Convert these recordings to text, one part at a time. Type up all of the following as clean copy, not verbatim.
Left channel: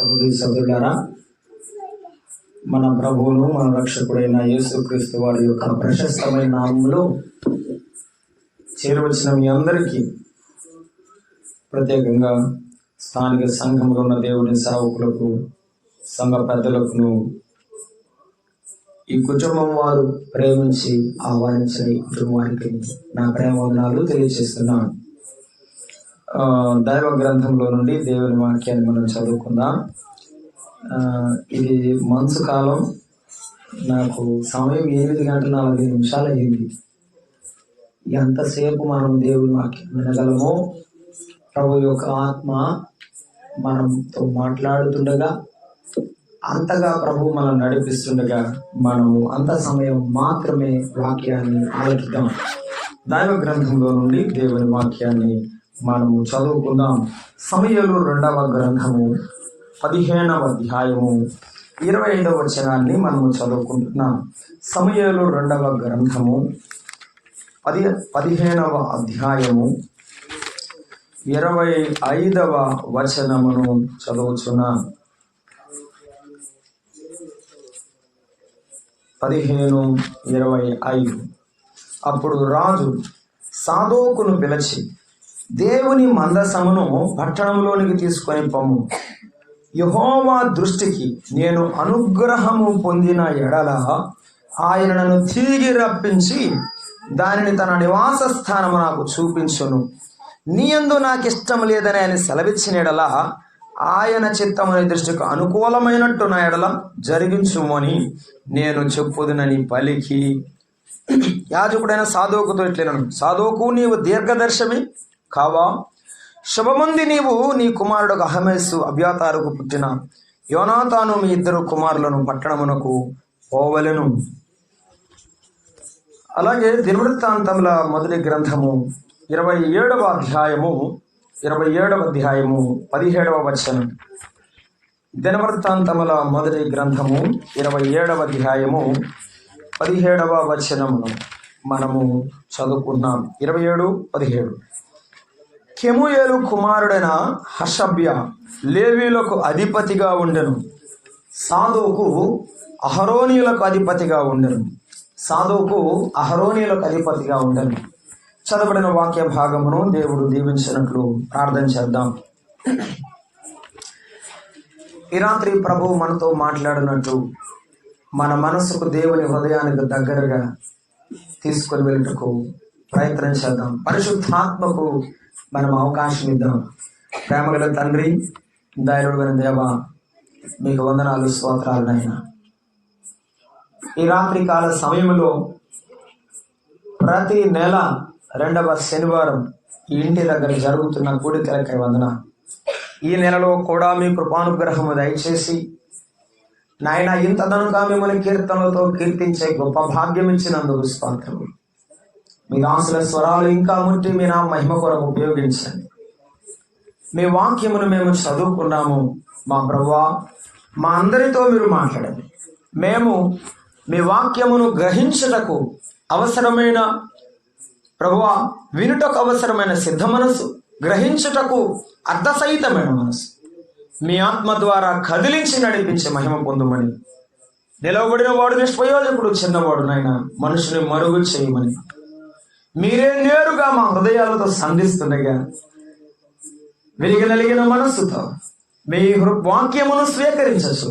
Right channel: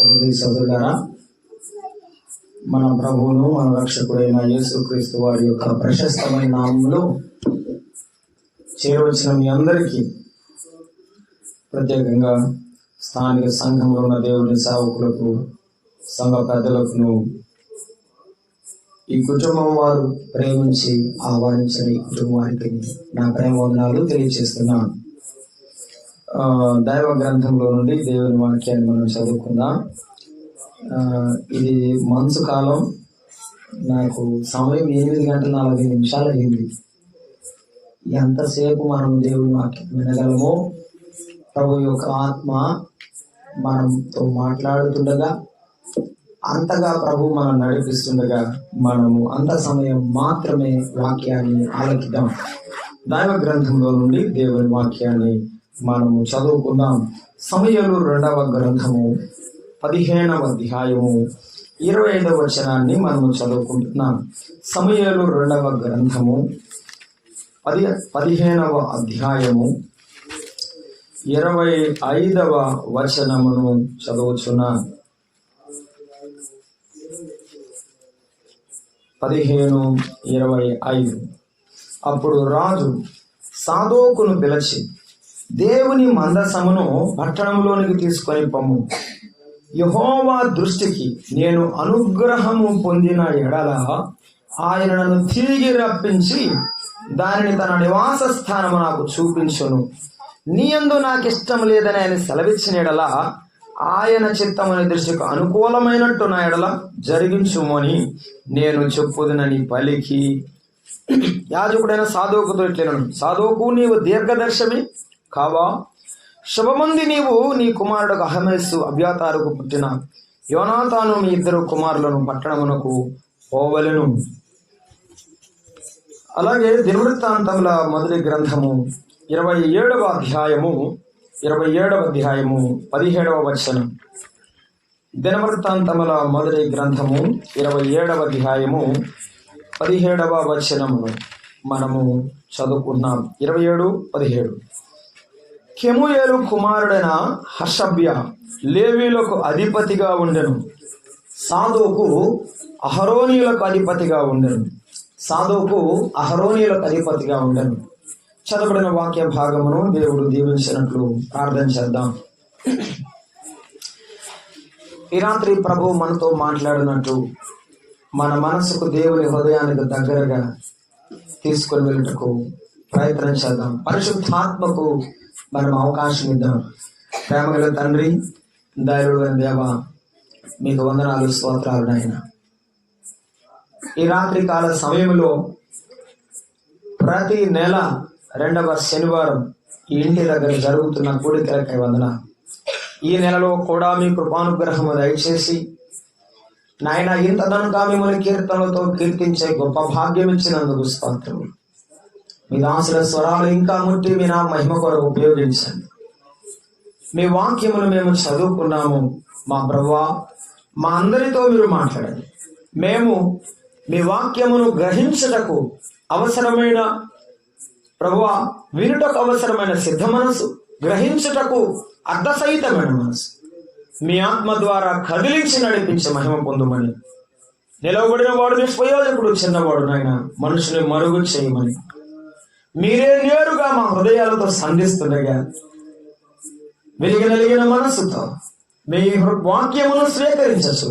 సహోదరి సహోదరులారా, మన ప్రభువును మన రక్షకుడైన యేసుక్రీస్తు వారి యొక్క ప్రశస్తమైన నామములో చేరవచ్చిన మీ అందరికీ, ప్రత్యేకంగా స్థానిక సంఘంలో ఉన్న దేవుని సేవకులకు, సంఘ పెద్దలకు, ఈ కుటుంబం వారు ప్రేమించి ఆహ్వానించిన ఈ కుటుంబానికి నా ప్రేమ వందనాలు తెలియజేస్తున్నాను. దైవ గ్రంథంలో నుండి దేవుని వాక్యాన్ని మనం చదువుకుందాం. ఇది మంచు కాలం, నాకు సమయం 8:40 అయింది. ఎంతసేపు మనం దేవుని వాక్యం వినగలమో, ప్రభు యొక్క ఆత్మ మనతో మాట్లాడుతుండగా, అంతగా ప్రభు మనం నడిపిస్తుండగా మనము అంత సమయం మాత్రమే వాక్యాన్ని ఆలకిద్దాం. దైవ గ్రంథంలో నుండి దేవుని వాక్యాన్ని మనము చదువుకుందాం. సమూయేలు 2వ గ్రంథము 15వ అధ్యాయము 25వ వచనాన్ని మనము చదువుకుంటున్నాం. సమూయేలు 2వ గ్రంథము 15వ అధ్యాయము 25వ వచనమును చదువుచున్నాం. 15:25. అప్పుడు రాజు సాదోకును పిలిచి, దేవుని మందసమును పట్టణంలోనికి తీసుకొని పొమ్ము. యెహోవా దృష్టికి నేను అనుగ్రహము పొందిన ఎడల ఆయన నన్ను తిరిగి రప్పించి దానిని తన నివాస స్థానము నాకు చూపించును. నీ యందు నాకు ఇష్టం లేదని ఆయన సెలవిచ్చిన ఎడల ఆయన చిత్తముని దృష్టికి అనుకూలమైనట్టు నా ఎడల జరిగించుమని నేను చెప్పుదునని పలికి, యాజకుడైన సాదోకుతో ఇట్లనెను, సాదోకు, నీవు దీర్ఘదర్శమి కావా? శుభమంది, నీవు నీ కుమారుడు అహమేసు అబ్యాతారుకు పుట్టిన యోనాతాను మీ 2 కుమారులను పట్టణమునకు పోవలెను. అలాగే దినవృత్తాంతముల మొదటి గ్రంథము 27వ అధ్యాయము 17వ వచనం. దినవృత్తాంతముల మొదటి గ్రంథము 27వ అధ్యాయము 17వ వచనమును మనము చదువుకున్నాం. 27-17. కెమూయేలు కుమారుడైన హషబ్య లేవీలకు అధిపతిగా ఉండెను. సాదోకు అహరోనీయులకు అధిపతిగా ఉండెను. చదవబడిన వాక్య భాగమును దేవుడు దీవించినట్లు ప్రార్థన చేద్దాం. ఈ రాత్రి ప్రభు మనతో మాట్లాడినట్టు మన మనసుకు, దేవుని హృదయానికి దగ్గరగా తీసుకొని వెళ్ళటకు ప్రయత్నం చేద్దాం. పరిశుద్ధాత్మకు మనం అవకాశం ఇద్దాం. ప్రేమగల తండ్రి, దైవమైన దేవ, మీకు వందనాలు, స్తోత్రాలు నాయన. ఈ రాత్రి కాల సమయంలో ప్రతి నెల 2వ శనివారం ఈ ఇంటి దగ్గర జరుగుతున్న కూడికలకై వందన. ఈ నెలలో కూడా మీ కృపానుగ్రహము దయచేసి నాయన, ఇంతదనుగా మిమ్మల్ని కీర్తనలతో కీర్తించే గొప్ప భాగ్యం ఇచ్చినందుకు స్తోత్రములు. మీ దాసుల స్వరాలు ఇంకా ముట్టి మీ నా మహిమ కొరకు ఉపయోగించండి. మీ వాక్యమును మేము చదువుకున్నాము. మా ప్రభువా, మా అందరితో మీరు మాట్లాడండి. మేము మీ వాక్యమును గ్రహించుటకు అవసరమైన, ప్రభువా, వినుటకు అవసరమైన సిద్ధ మనసు, గ్రహించుటకు అర్థసహితమైన మనసు మీ ఆత్మ ద్వారా కదిలించి నడిపించే మహిమ పొందుమని, నిలవబడిన వాడు నిష్ప్రయోజకుడు, చిన్నవాడు నాయన మనుషుని మరుగు చేయమని మీరే నేరుగా మా హృదయాలతో సంధిస్తుండగా వెలిగిన మనస్సుతో మీ వాక్యమును స్వీకరించచ్చు.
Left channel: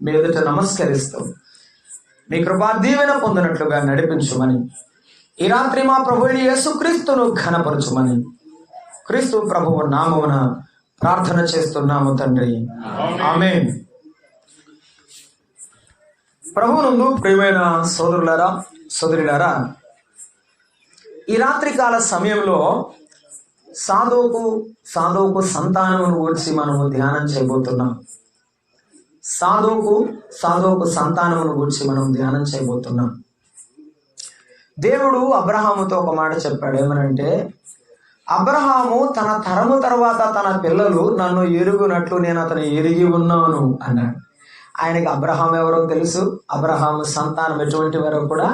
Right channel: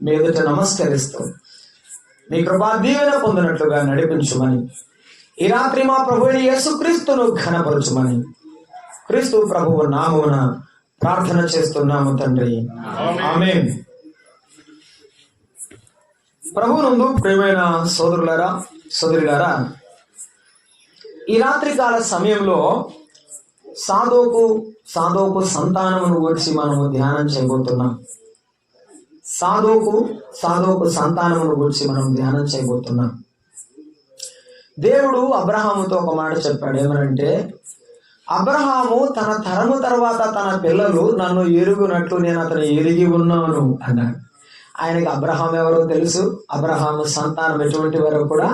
మీ ఎదుట నమస్కరిస్తూ మీ కృపా దీవెన పొందినట్లుగా నడిపించుమని, ఈ రాత్రి మా ప్రభువైన యేసుక్రీస్తును ఘనపరచుమని క్రీస్తు ప్రభువు నామమున ప్రార్థన చేస్తున్నాము తండ్రి, ఆమేన్. ప్రభువునందు ప్రియమైన సోదరులారా, సోదరులారా, ఈ రాత్రి కాల సమయంలో సాదోకు సంతానమును గురించి మనము ధ్యానం చేయబోతున్నాం. సాదోకు సంతానమును గురించి మనం ధ్యానం చేయబోతున్నాం. దేవుడు అబ్రహాముతో ఒక మాట చెప్పాడు. ఏమనంటే, అబ్రహాము తన తరము తర్వాత తన పిల్లలు నన్ను ఎరుగునట్లు నేను అతను ఎరిగి ఉన్నాను అన్నాడు. ఆయనకి అబ్రహాం ఎవరో తెలుసు. అబ్రహాము సంతానం ఎటువంటి వరకు కూడా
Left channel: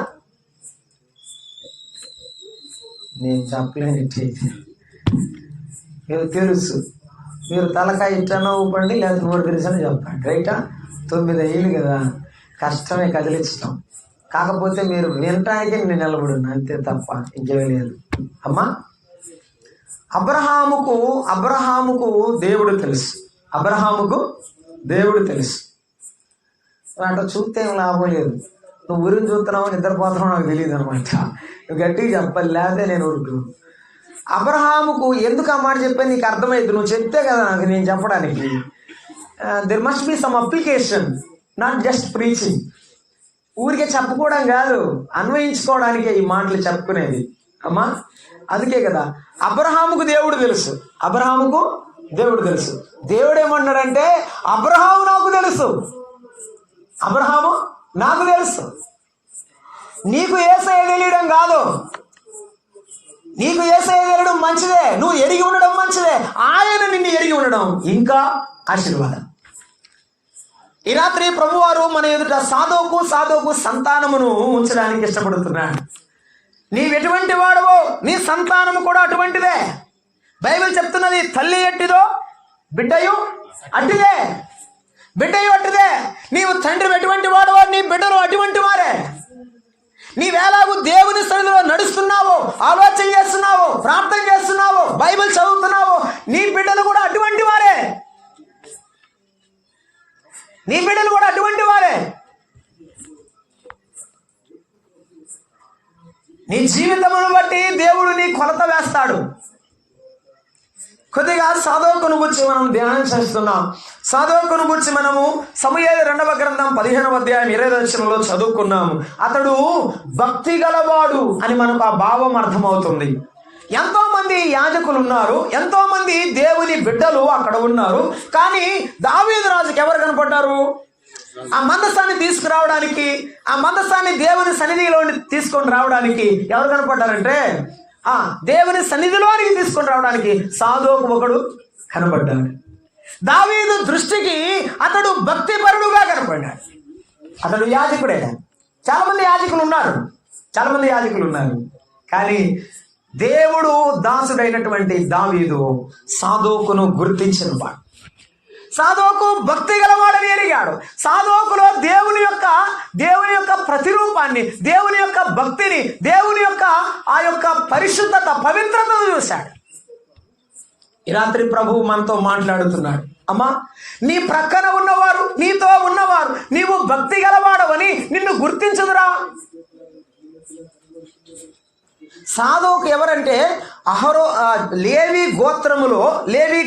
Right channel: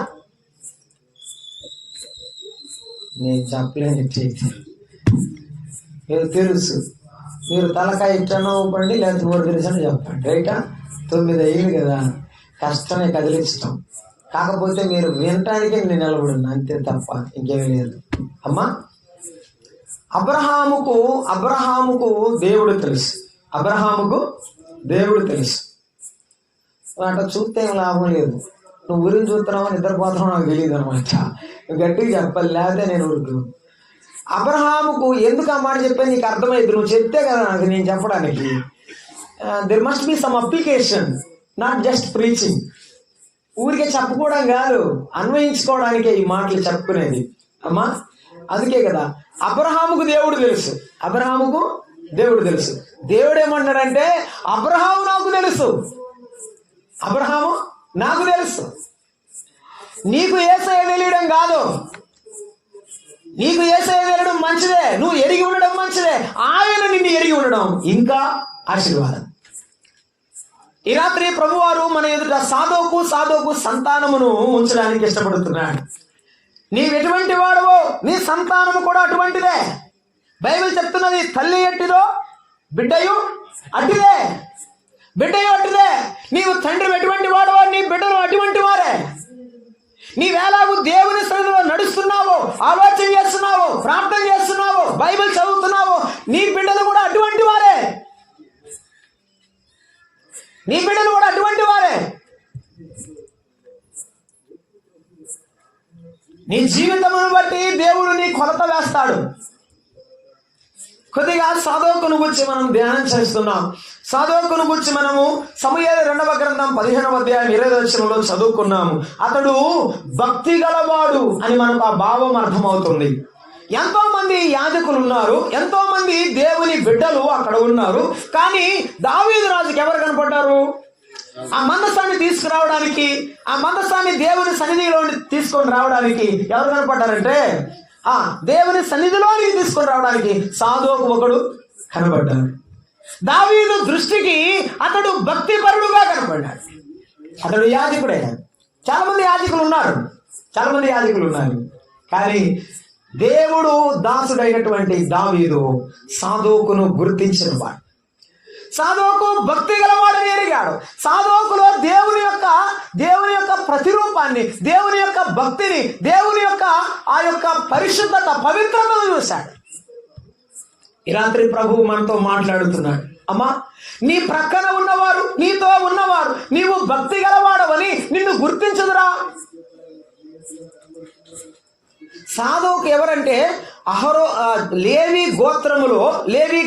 నేను చెప్పలేని తెలుసు. మీరు తలకాయ ఇట్టన్నా ఊపండి, లేకపోతే నోరు తెరిసని చెప్పండి. రైటా? 9 అయ్యింది కదా, కష్టమే కదిలించటం. కాకపోతే మీరు వినటానికే నేను నిలబడున్నా, అంతే తప్ప ఇంకేమీ లేదు. అమ్మా, అబ్రహాముకు దేవుడు తెలుసు. అబ్రహాముకు దేవుడు తెలుసు. అట్లా చూస్తే ఏం లాభం లేదు. నువ్వు ఊరిని చూస్తున్నావు, నిద్రపోతున్నావు నాకు తెలియదు అనమాట. నువ్వు గట్టిగా చెప్పాలి, లేకపోతే నేను ఊరుకు. అబ్రహాముకు ఎందుకు ఆ మాట చెప్పాను నీకు అర్థమైంది. నువ్వు చెప్తే కదా నాకు నేను చెప్పడానికి. There must be some application, not just preaching. ఊరికే చెప్పుకోవడం కాదు, అన్వయించుకోవడానికే ఈ మాటలు చెప్పుకునేది. అమ్మా, అందుకే కదా అబ్రహాముకు దేవుడు తెలుసు. అబ్రహాముకు దేవుడు తెలుసు. దేవుడు ఏమన్నాడంటే, అబ్రహాము నాకు తెలుసు, అబ్రహాము నాకు తెలుసు. నీకు యేసయ్య తెలియడం కాదు, నీకు యేసయ్య తెలియడం మంచిదే, నువ్వు ఎరిగి ఉండడం మంచిదే. ఆయన నిన్ను ఎరిగి ఉండడం ఇంకా ఆశీర్వాదం. ఈ రాత్రి ప్రభువారు మన ఎదుట సాధోకు సంతానమును ఉంచడానికి ఇష్టపడుతున్నాడు. నీవెటువంటి వాడవో నీ సంతానము కూడా అటువంటిదే. బైబిల్ చెప్తున్నది, తల్లి ఎట్టిదో బిడ్డయు అట్టిదే, బిడ్డయు అట్టిదే. నీవు తండ్రి ఎటువంటి వాడవో నీ బిడ్డలు అటువంటి వారే. నీవేలాగూ దేవుని సన్నిధిలో నడుస్తున్నావో, ఆలోచన చేస్తున్నావో, ప్రార్థన చేస్తున్నావో, బైబిల్ చదువుతున్నావో, నీ బిడ్డలు కూడా అటువంటి వారే. నీ బిడ్డలు కూడా అటువంటి వారే. నీ జీవితమును బట్టి దేవుడు నీ కొలత వేస్తాడు. కొద్దిగా సాధోకును గురించి మనం ధ్యానం చేస్తున్నాం. సాధోకును గురించి మనము సమూయేలు 2వ గ్రంథం 15వ అధ్యాయం 20వ వచనంలో చదువుకున్నాము. అతడు భక్తి గలవాడు అని మనకు ఆ భావం అర్థమవుతుంది. ఎంతో మంది యాజకులు ఉన్నారు, ఎంతో మంది దేవుని బిడ్డలు అక్కడ ఉన్నారు. కానీ దావీదు రాజుకి ఎవరు కనపడ్డారు? ఆ మందసాన్ని తీసుకురావడానికి, ఆ మందసాన్ని దేవుని సన్నిధిలో తీసుకొని రావడానికి ఎవరు కనపడ్డారంటే, దేవుని సన్నిధిలోనికి తీసుకొని రావడానికి సాధోకు ఒకడు కనపడ్డాడు. దావీదు దృష్టికి అతడు భక్తిపరుడుగా కనపడ్డాడు. అతడు యాజకుడే. చాలా మంది యాజకులు ఉన్నారు. కానీ దేవుడు దాసుడైనటువంటి దావీదు సాధోకును గుర్తించిన వాడు. సాధోకు భక్తి గలవాడని ఎరిగాడు. సాధోకులో దేవుని యొక్క ప్రతిరూపాన్ని, దేవుని యొక్క భక్తిని, దేవుని యొక్క ఆ యొక్క పరిశుద్ధత, పవిత్రతను చూశాడు. ఈ రాత్రి ప్రభువు మనతో మాట్లాడుతున్నాడు. అమ్మా, నీ ప్రక్కన ఉన్నవారు, నీతో ఉన్నవారు నీవు భక్తి గలవాడవని నిన్ను గుర్తించదురా. సాధోకు ఎవరంటే లేవి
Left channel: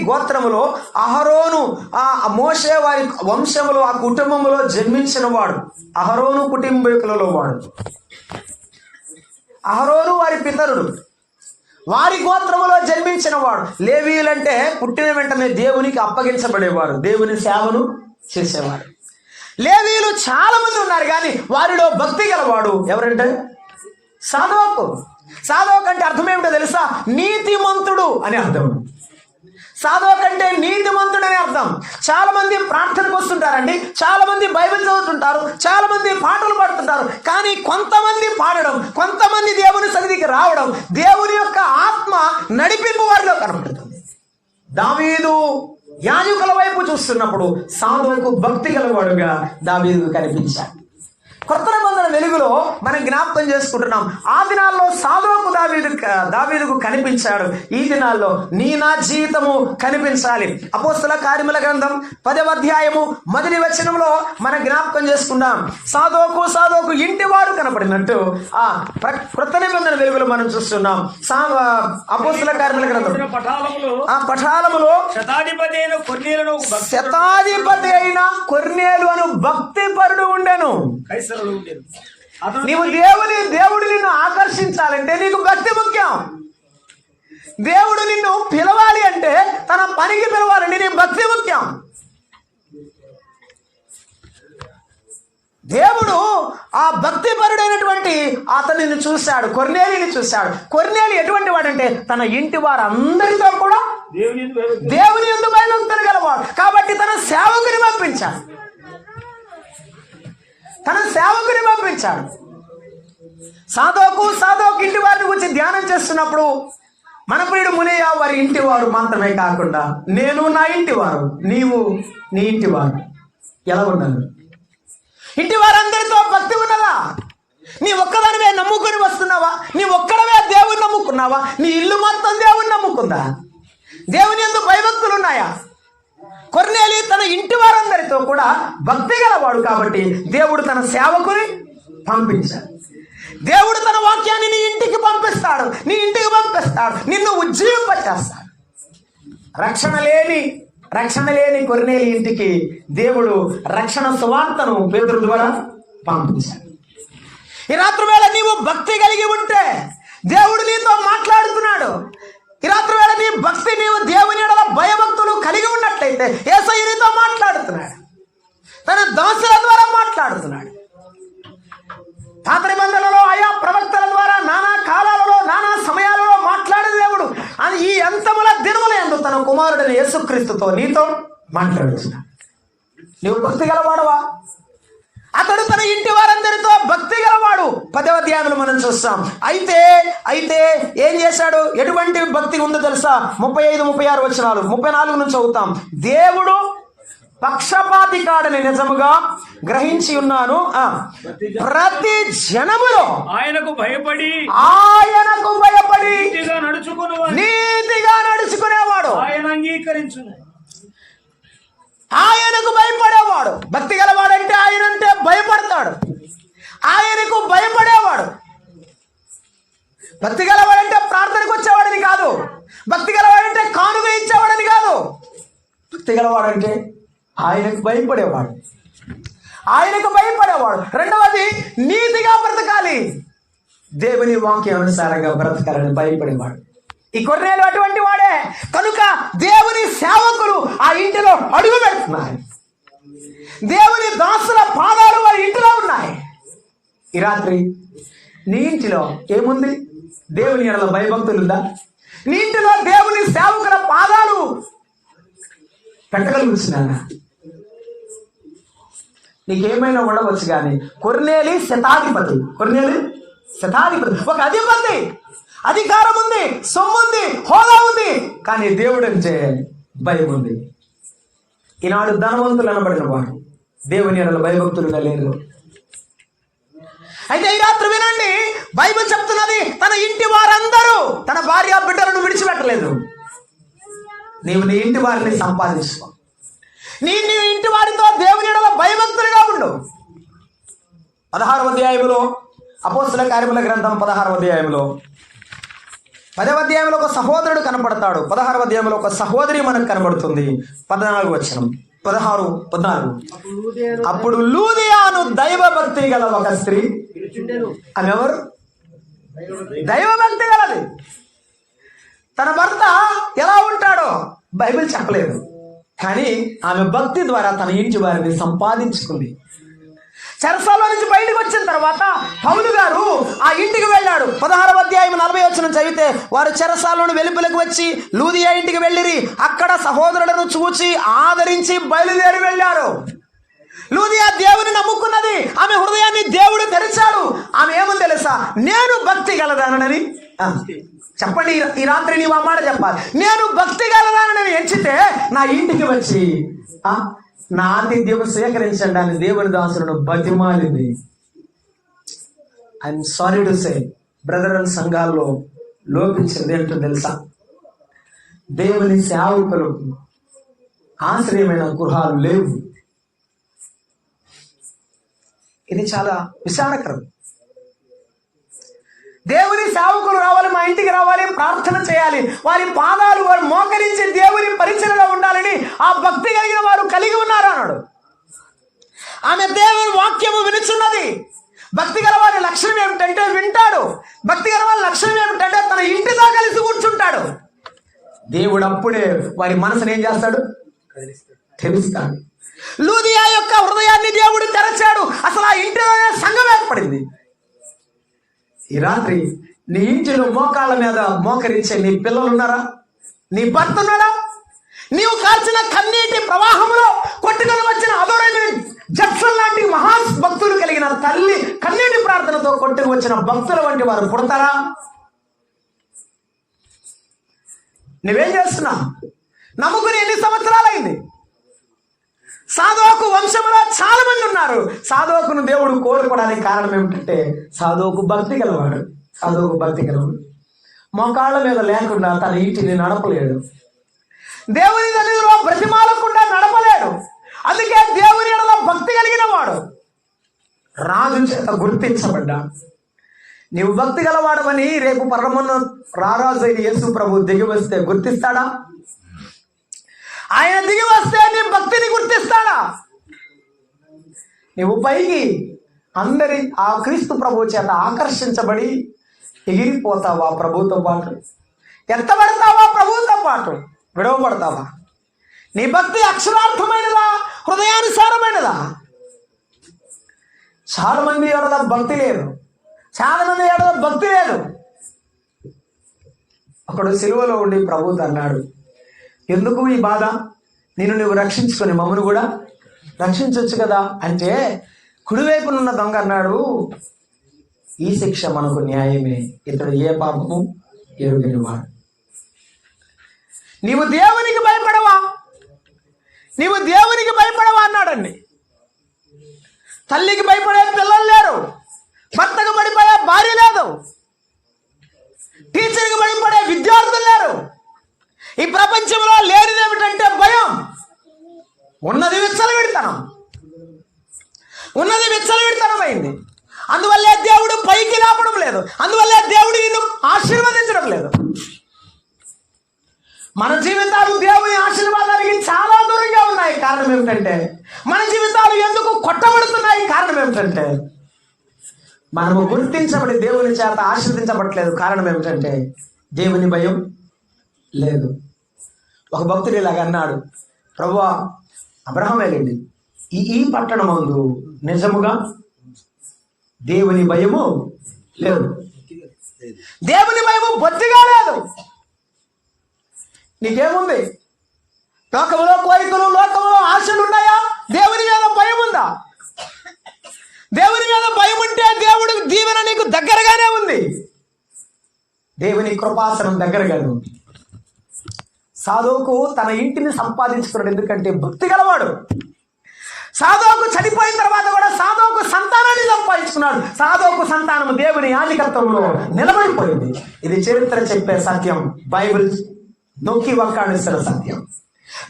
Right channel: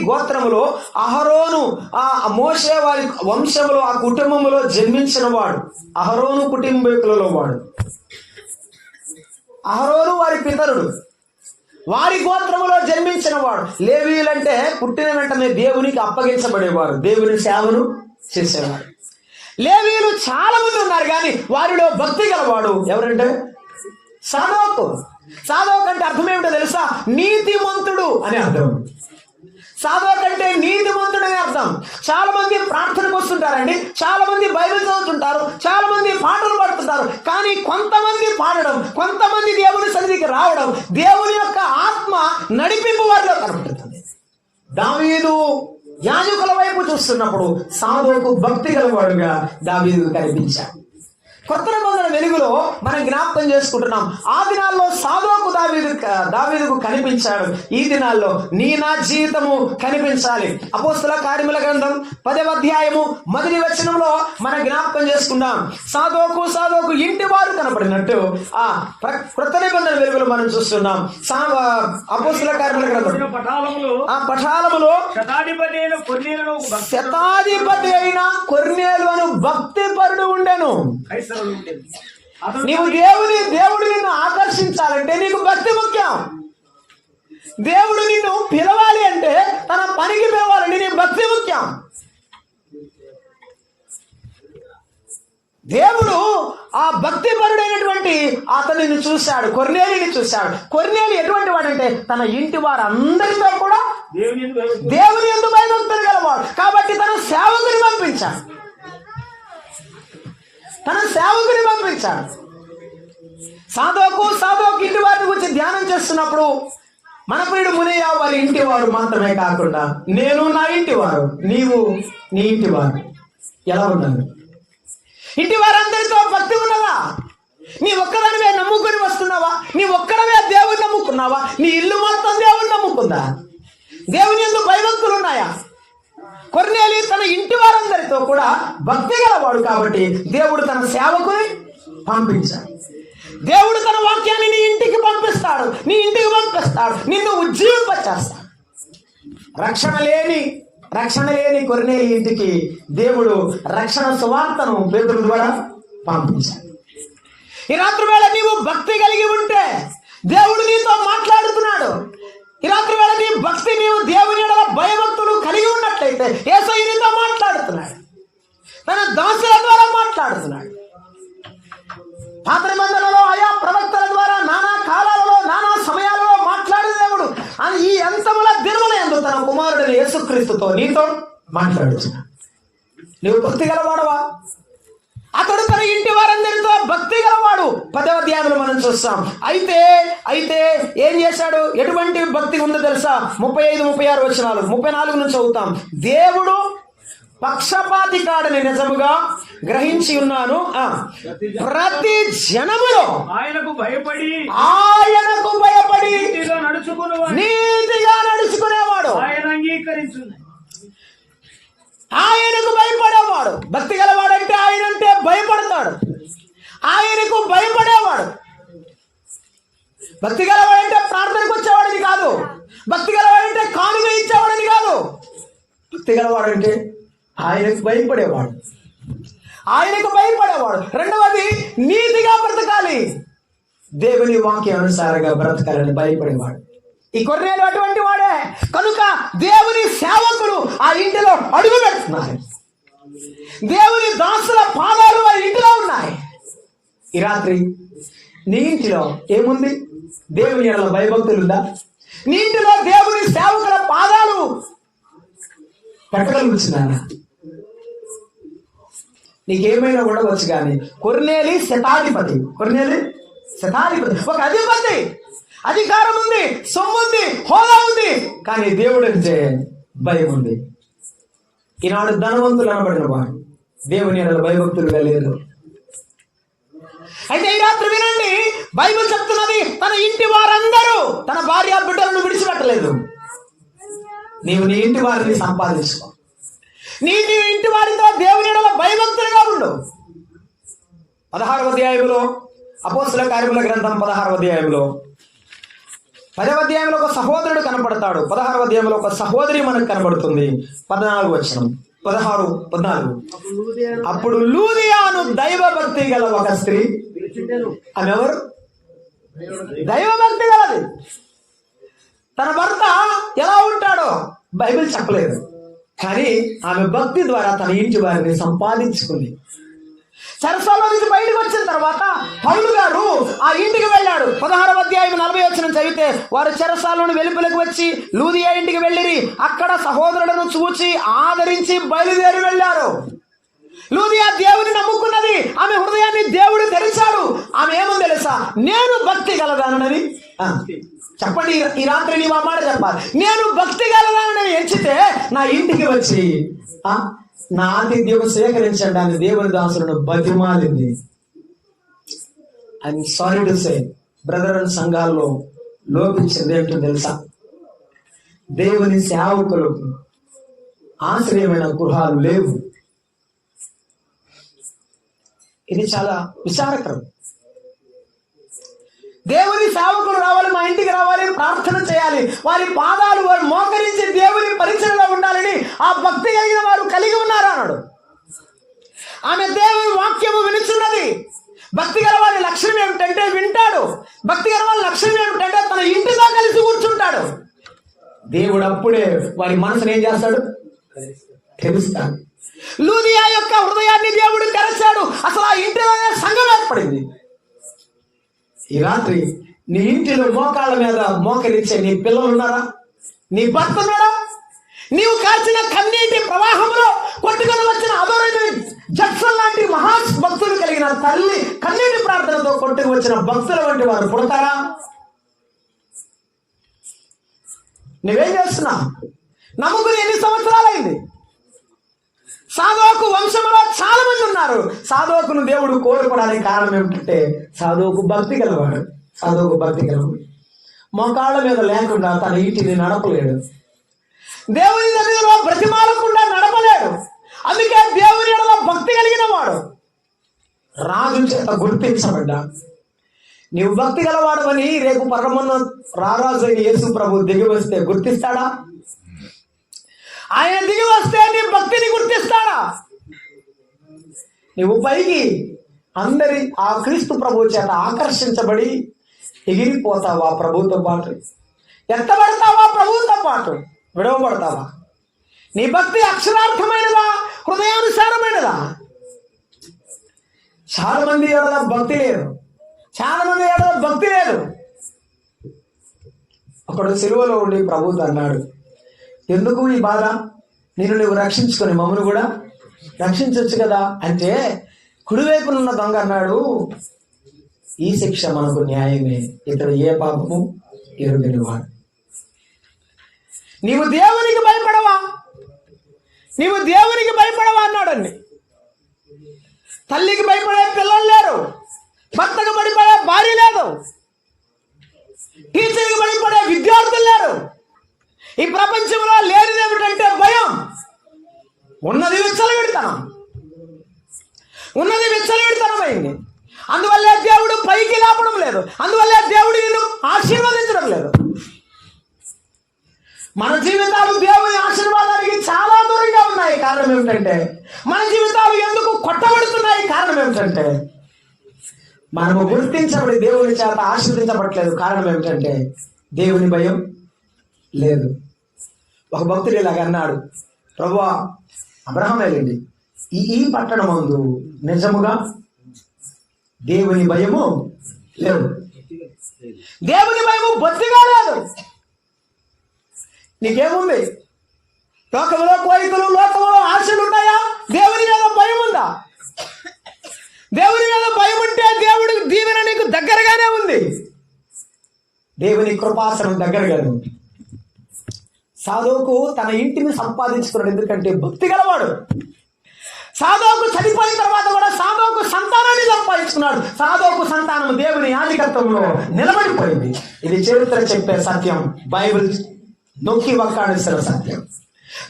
గోత్రములో అహరోను, ఆ మోషే వారి వంశములో, ఆ కుటుంబములో జన్మించిన వాడు. అహరోను కుటుంబీకులలో వాడు. అహరోను వారి పితరుడు, వారి గోత్రములో జన్మించిన వాడు. లేవీయులంటే పుట్టిన వెంటనే దేవునికి అప్పగించబడేవారు, దేవుని సేవను చేసేవారు. లేవీయులు చాలా మంది ఉన్నారు, కానీ వారిలో భక్తి గలవాడు ఎవరంటే సాధోకు. సాధోకు అంటే అర్థం ఏమిటో తెలుసా? నీతిమంతుడు అని అర్థం. సాధోకు అంటే నీతిమంతుడు అని అర్థం. చాలా మంది ప్రార్థనకు వస్తుంటారండి, చాలా మంది బైబిల్ చదువుతుంటారు, చాలా మంది పాటలు పాడుతుంటారు. కానీ కొంతమంది పాడడం, కొంతమంది దేవుని సన్నిధికి రావడం, దేవుని యొక్క ఆత్మ నడిపింపు వారిలో కనపడుతుంది. దావీదు యాజకుల వైపు చూస్తున్నప్పుడు సాధోకు భక్తి గలవాడుగా దావీదు కనిపించాడు. కొత్త నిబంధన వెలుగులో మనం జ్ఞాపకం చేసుకుంటున్నాం. ఆ దినాల్లో సాధోకు దావీదుకు కనిపించాడు. ఈ దినాల్లో నా జీవితము కనిపించాలి. అపోస్తల కార్యముల గ్రంథం 10వ అధ్యాయము 1వ వచనంలో మనం జ్ఞాపకం చేసుకున్నాం. సాధోకు ఇంటి వారు కనపడినట్టు ఆ కొత్త నిబంధన వెలుగులో మనం చూస్తున్నాం. అపోస్తల కార్యముల గ్రంథం పఠాలములో శతాధిపతి అయిన కొర్నేలు అను భక్తి పరుడు ఉండెను. దేవుడు నిన్ను ఆకర్షించాలంటే నీకు భక్తి ముఖ్యం. దేవుడు నిన్ను పిలవాలి అంటే, తన పనికి పిలవాలంటే నీ భక్తి ముఖ్యం. దేవుడు ఆ భక్తిపరుడైనటువంటి అతనిని చూశాడు, కొర్నేలిని చూశాడు. కొర్నేలి ఎటువంటి వాడంటే తన ఇంటి వారందరితో కూడా దేవుని యందు భయభక్తులు గలవాడు. కాబట్టి తన సేవకుని పంపించాడు. సాధోకు ఇంటి వారిని గురించి ధ్యానం చేస్తున్నప్పుడు మన ప్రియుడు మునయ్య వారి ఇంటి వారు మాత్రమే కాకుండా నేను నా ఇంటి వారు, నీవు నీ ఇంటి వారు ఎలా ఉన్నారు? ఇంటి వారందరితో భక్తి ఉన్నదా? నీ ఒక్కదానివే నమ్ముకొని వస్తున్నావా? నీ ఒక్కడవే దేవుని నమ్ముకున్నావా? నీ ఇల్లు మొత్తం దేవుని నమ్ముకుందా? దేవుని యందు భయభక్తులు ఉన్నాయా? కొర్నేలి తన ఇంటి వారందరితో కూడా భక్తి గలవాడు కాబట్టి దేవుడు తన సేవకుని పంపించాడు. దేవుడు తన వాక్యాన్ని నీ ఇంటికి పంపిస్తాడు, నీ ఇంటికి పంపిస్తాడు, నిన్ను ఉజ్జీవింపచేస్తాడు. రక్షణ లేని కొర్నేలి ఇంటికి దేవుడు రక్షణ సువార్తను పేతురు ద్వారా పంపించాడు. ఈ రాత్రి వేళ నీవు భక్తి కలిగి ఉంటే దేవుడు నీతో మాట్లాడుతున్నాడు. ఈ రాత్రి వేళ నీ భక్తి, నీవు దేవుని యెడల భయభక్తులు కలిగి ఉన్నట్లయితే యేసయ్య నీతో మాట్లాడుతున్నాడు, తన దాసుల ద్వారా మాట్లాడుతున్నాడు. పాత నిబంధనలో ఆయా ప్రవక్తల ద్వారా నానా కాలాలలో నానా సమయాలలో మాట్లాడే దేవుడు ఈ అంతముల దినముల యందు తన కుమారుడిని యేసుక్రీస్తుతో నీతో మాట్లాడుతున్నాడు. నీవు భక్తి గలవాడవా? అతడు తన ఇంటి వారందరితో భక్తి గలవాడు. 10వ అధ్యాయంలో మనం చూస్తాం. అయితే ఏం చేశాడు? ఎటువంటి భక్తి ఉందో తెలుసా? 35, 36 వచనాలు, 34 నుంచి చదువుతాం. దేవుడు పక్షపాతి కాడని నిజముగా గ్రహించి ఉన్నాను. ప్రతి జనములో ఆయనకు భయపడి నీతిగా నడుచుకునేవాడు ఆయనకు భయపడేవాడు. భక్తి గలవాడంటే ఆయనంటే భయపడతాడు, ఆయనకు భయపడేవాడు. భక్తి గలవాడంటే ప్రార్థనకు వచ్చేవాడని కాదు, భక్తి గలవాడంటే కానుక ఇచ్చేవాడని కాదు. భక్తి గలవాడంటే ఆయనకు భయపడేవాడు. రెండవది, నీతిగా బ్రతకాలి, దేవుని వాక్యానుసారంగా బ్రతకాలని భయపడేవాడు. ఈ కొర్నేలు అటువంటి వాడే కనుక దేవుని సేవకులు ఆ ఇంటిలో అడుగు పెడుతున్నారు. దేవుని దాసుల పాదాలు వారి ఇంటిలో ఉన్నాయి. ఈ రాత్రి నీ ఇంటిలో ఏముంది? దేవుని యెడల భయభక్తులుందా? నీ ఇంటిలో దేవుని సేవకుల పాదాలు పెట్టగలుగుతున్నారా? నీకేమైనా ఉండవచ్చు కానీ కొర్నేలి శతాధిపతి, ఒక అధిపతి, అధికారం ఉంది, సొమ్ము ఉంది, హోదా ఉంది, కానీ దేవుడు అంటే భయం ఉంది. ఈనాడు ధనవంతులు అనబడిన వాడు దేవుని యెడల భయభక్తులుగా లేరు. అయితే ఈ రాత్రి వినండి, బైబిల్ చెప్తున్నది తన ఇంటి వారందరూ తన భార్య బిడ్డలను విడిచిపెట్టలేదు. నీవు నీ ఇంటి వారిని సంపాదించుకో, నీ ఇంటి వారితో దేవుని యెడల భయభక్తులుగా ఉండు. 16వ అధ్యాయంలో అపోస్తల కార్యముల గ్రంథం 16వ అధ్యాయంలో 10వ అధ్యాయంలో ఒక సహోదరుడు కనపడతాడు. 16వ అధ్యాయంలో ఒక సహోదరి మనకు కనబడుతుంది. 14వ వచనం, 14. అప్పుడు లూదియాను దైవభక్తి గల ఒక స్త్రీ, ఆమె ఎవరు? దైవభక్తి గలది. తన భర్త ఎలా ఉంటాడో బైబిల్ చెప్పలేదు, కానీ ఆమె భక్తి ద్వారా తన ఇంటి వారిని సంపాదించుకుంది. చెరసాల్లో నుంచి బయటకు వచ్చిన తర్వాత పౌలు గారు ఆ ఇంటికి వెళ్ళాడు. 16వ అధ్యాయం 40 వచనం చదివితే, వారు చెరసాలను వెలుపలకు వచ్చి లూదియా ఇంటికి వెళ్ళిరి. అక్కడ సహోదరులను చూచి ఆదరించి బయలుదేరి వెళ్ళారు. లూదియా దేవుని నమ్ముకున్నది, ఆమె హృదయాన్ని దేవుడు తెరిచాడు. ఆమె ఏమని తెలుసా? నేను భక్తి గలదానని చెప్పండి. ఈ రాత్రి నీవు ఆ మాట చెప్పాలి. నేను భక్తి గలదానని ఎంచితే నా ఇంటికి వచ్చి నా ఆతిథ్యం సేకరించండి అని దేవుని దాసులను బతిమాలింది. I'm sorry to say, brother and సంఘాల్లో లోపించింది ఏంటో తెలుసా? దేవుని సేవకులకు ఆశ్రయమైన గృహాలు లేవు. ఇది చాలా విచారకరం. దేవుని సేవకులు రావాలి, మా ఇంటికి రావాలి, ప్రార్థన చేయాలి, వారి పాదాలు వారు మోకరించి దేవుని పరిచయలో ఉండాలని ఆ భక్తి కలిగిన వారు కలిగి ఉన్నారు అన్నాడు. ఆమె దేవుని వాక్యము వినుచున్నది. భక్తి గల వారి లక్షణం ఏమిటంటే వింటాడు. భక్తి గల వారి లక్షణం ఏమిటంటే తన ఇంటితో కలిసి కూర్చుంటాడు. దేవుడు అప్పుడే వారి మనసును ఏం చేస్తాడు? తెలుస్తాడు. లూదియా యొక్క హృదయాన్ని దేవుడు తెరచాడు. అసలు ఆ ఇంటిలోనే సంఘం ఏర్పడింది. ఈ రాత్రి నీ ఇంటిలో మోకాళ్ళ మీద మోకరించే నీ పిల్లలు ఉన్నారా? నీ భర్త ఉన్నాడా? నీవు కాల్చిన కన్నీటి ప్రవాహంలో కొట్టుకొని వచ్చిన అదోరైన జక్సన్ లాంటి మహాభక్తులు కలిగిన తల్లి కన్నీటి ప్రార్థనతో కొట్టుకు వచ్చిన భక్తుల వంటి వారు పుడతారా? నువ్వేం చేస్తున్నావు? నమ్ముకుని ఎన్ని సంవత్సరాలైంది? సాధోకు వంశంలో చాలా మంది ఉన్నారు. సాధోకును దేవుడు కోరుకోవడానికి కారణం ఏమిటంటే సాధోకు భక్తి గలవాడు. సాధోకు భక్తి గలవాడు. మోకాళ్ళ మీద లేకుండా తన ఇంటిని నడపలేడు. దేవుని సన్నిధిలో బ్రతిమాలకుండా నడపలేడు. అందుకే దేవుని ఎడల భక్తి కలిగిన వాడు రాజు చేత గుర్తించబడ్డా. నీవు భక్తి గలవాడమని రేపు పరమన్న రారాజు అయిన యేసు ప్రభు దిగి వస్తే గుర్తిస్తాడా? ఆయన దిగి వస్తే నీ భక్తిని గుర్తిస్తాడా? నీవు పైకి అందరి ఆ క్రీస్తు ప్రభు చేత ఆకర్షించబడి ఎగిరిపోతావా ప్రభుతో పాటు? ఎత్తబడతావా ప్రభుతో పాటు? విడవబడతావా? నీ భక్తి అక్షరార్థమైనదా, హృదయానుసారమైనదా? చాలా మంది ఎవరన్నా భక్తి లేదు, చాలా మంది ఎవరన్నా భక్తి లేదు. ఒకడు సిలువలో ఉండి ప్రభుతో అన్నాడు, ఎందుకు ఈ బాధ? నువ్వు రక్షించుకొని మమ్మను కూడా రక్షించవచ్చు కదా అంటే, కుడివైపునున్న దొంగ అన్నాడు, ఈ శిక్ష మనకు న్యాయమే, ఇతడు ఏ పాపము ఎరుగనివాడు. నీవు దేవునికి భయపడవా? నీవు దేవునికి భయపడవా అన్నాడండి. తల్లికి భయపడే పిల్లలు లేరు, భర్తకు భయపడే భార్య లేదు, టీచర్కి భయపడే విద్యార్థులు లేరు. ఈ ప్రపంచంలో లేనిది ఏమిటంటే భయం. ఉన్నది విచ్చలవిడితనం, ఉన్నది విచ్చలవిడితనమైంది. అందువల్లే దేవుడు పైకి లేపడం లేదు, అందువల్లే దేవుడు నిన్ను ఆశీర్వదించడం లేదు. మన జీవితాలు దేవుని ఆశీర్వాదానికి చాలా దూరంగా ఉన్నాయి. కారణం ఏమిటంటే మన జీవితాలు ఎందుకు కొట్టబడుతున్నాయి? కారణం ఏమిటంటే మనము గుర్తించబడి దేవుని చేత ఆశీర్వదించబడట్లేదు. కారణం ఏమిటంటే దేవుని భయం లేదు. ఒక భక్తుడు ఇలాగ అన్నాడు, ప్రభువా, అబ్రహాం వెళ్ళండి, ఈ పట్టణం ముందు నిజముగా దేవుని భయము లేదు. దేవుని భయము బొత్తిగా లేదు. నీకేముంది? లోకంలో కోరికలు, లోకంలో ఆశలు ఉన్నాయా? దేవుని మీద భయం ఉందా? దేవుని మీద భయం ఉంటే దేవుడి దీవెన నీకు దగ్గరగానే ఉంది. దేవుని కృపాసనం దగ్గరగానే ఉంది. సాధోకు తన ఇంటిని సంపాదించుకున్నాడు, ఎందుకంటే భక్తి గలవాడు. సాధోకు చనిపోయిన తర్వాత కూడా సాధోకు సంతానాన్ని సంపాదించుకున్నాడు. సాధోకు సంతానం దేవుని యాజకత్వంలో నిలబడిపోయింది. ఇది చరిత్ర చెప్పే సత్యం, బైబిల్ నొక్కి వక్కాడిస్తున్న సత్యం.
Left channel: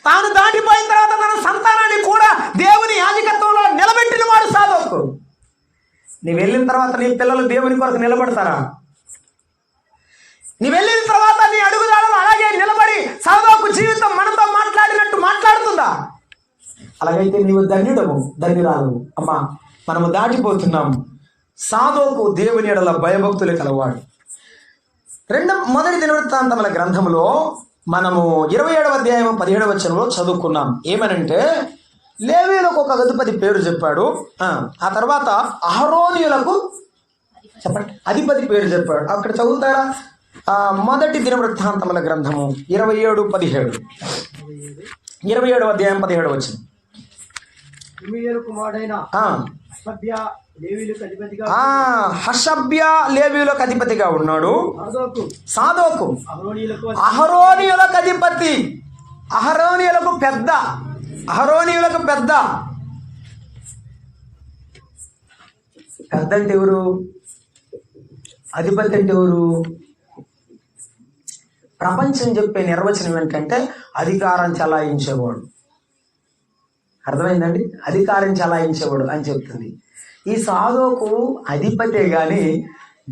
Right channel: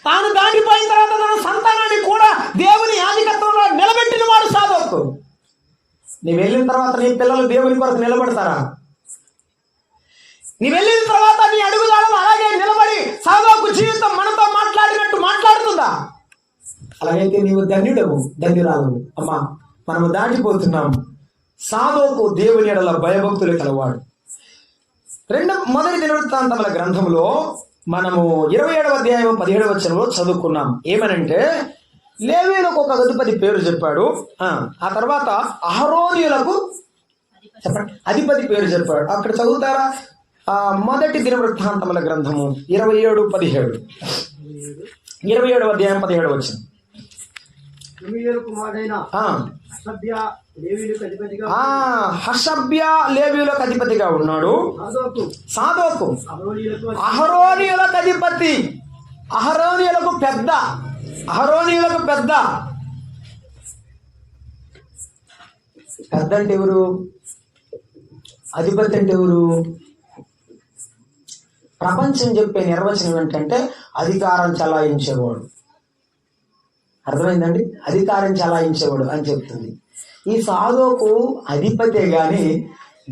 తాను దాటిపోయిన తర్వాత తన సంతానాన్ని కూడా దేవుని యాజకత్వంలో నిలబెట్టిన వాడు సాధోకు. నీ వెళ్ళిన తర్వాత నీ పిల్లలు దేవుని కొరకు నిలబడతారా? నీ వెళ్ళిన తర్వాత నీ అడుగుదాడలు అలాగే నిలబడి సాధోకు జీవితం మనతో మాట్లాడినట్టు మాట్లాడుతుందా? అలాగైతే నీవు ధన్యుడవు, ధన్యురాలు. అమ్మా, మనము దాటిపోతున్నాం. సాధోకు దేవుని ఎడల భయభక్తులు కలవాడు. మొదటి దినవృత్తాంతముల గ్రంథంలో మనము 27వ అధ్యాయం 17వ వచనంలో చదువుకున్నాం. ఏమనంటే లేవీయులకు ఒక అధిపతి పేరు చెప్పాడు. ఆ తర్వాత అహరోనీయులకు చెప్పండి అధిపతి పేరు చెప్పాడు. అక్కడ చదువుతారా? మొదటి దినవృత్తాంతముల గ్రంథము 27:17, 27వ అధ్యాయం 17వ వచనం. హషబ్య లేవీయులకు అధిపతిగా ఉన్నాడు సాదోకు. అహరోనీయులకు అధిపతి, అహరోనీయులకు పెద్ద, అహరోనీయులకు పెద్ద. పెద్ద అంటే ఎవరు? అధిపతి అంటే ఎవరు? ప్రపంచం చెప్పే నిర్వచనం ఏంటంటే అధికారం చలాయించేవాడు. అర్థమైందండి? అధికారం చలాయించేవాడు అని చెప్తుంది. ఈ సాధోకు అధిపతే గాని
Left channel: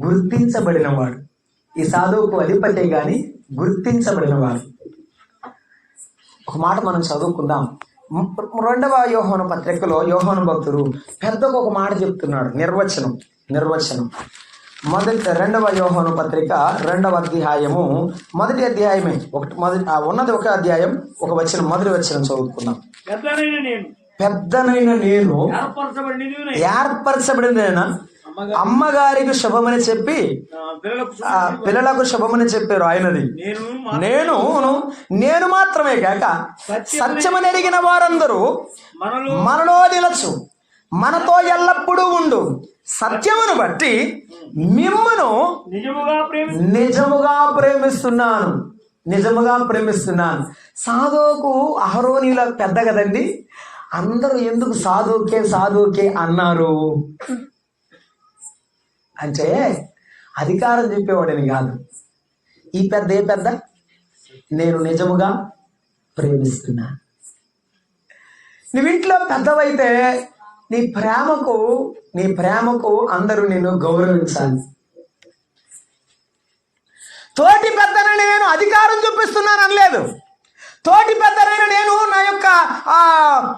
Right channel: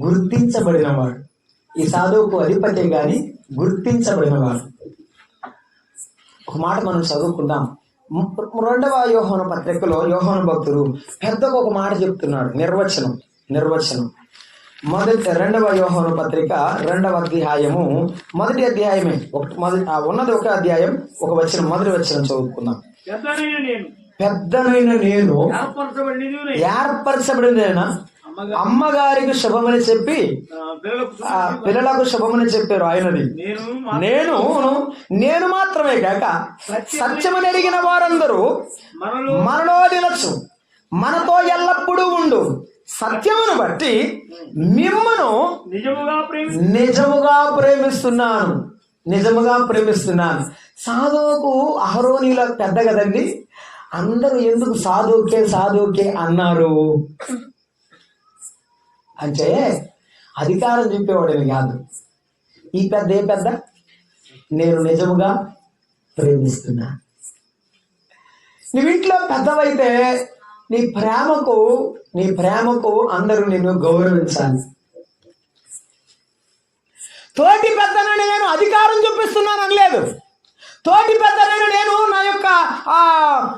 గుర్తించబడినవాడు. ఈ సాధోకు అధిపతే గాని గుర్తించబడినవాడు. ఒక మాట మనం చదువుకుందాం. 2వ యోహాను పత్రికలో యోహాను భక్తుడు పెద్దకు ఒక మాట చెప్తున్నాడు. నిర్వచనం 2వ యోహాను పత్రిక 2వ అధ్యాయము మొదటి అధ్యాయమే ఉన్నది ఒక అధ్యాయం, ఒక వచనం, మొదటి వచనం చదువుకుందాం. పెద్దనైన నేను ఏర్పరచబడిన అమ్మగారికి శుభమని చెప్పి పిల్లలకు శుభమని చెప్పారు ఆయనది. నేను మాత్రమే కాక సత్యమని అడిగిన వారందరూ మనలో నిలచు, మనతో ఎల్లప్పుడూ ఉండు. సత్యమును బట్టి మిమ్మును నిజముగా ప్రేమిస్తున్నాను. నిజముగా ప్రేమిస్తున్నాను. సాదోకు అహరోనీల పెద్ద కదండి, అందరూ ఎందుకు సాదోకే అన్నారు అంటే అధికారం చెప్పేవాడని కాదు. ఈ పెద్ద ఏ పెద్ద, నేను నిజముగా ప్రేమిస్తున్నా. నువ్వు ఇంట్లో పెద్దవైతే నీ ప్రేమకు అందరూ నిన్ను గౌరవించాలి. తోటి పెద్దనని నేను అధికారం చూపిస్తున్నాను అనలేదు. తోటి పెద్దనని నేను నా యొక్క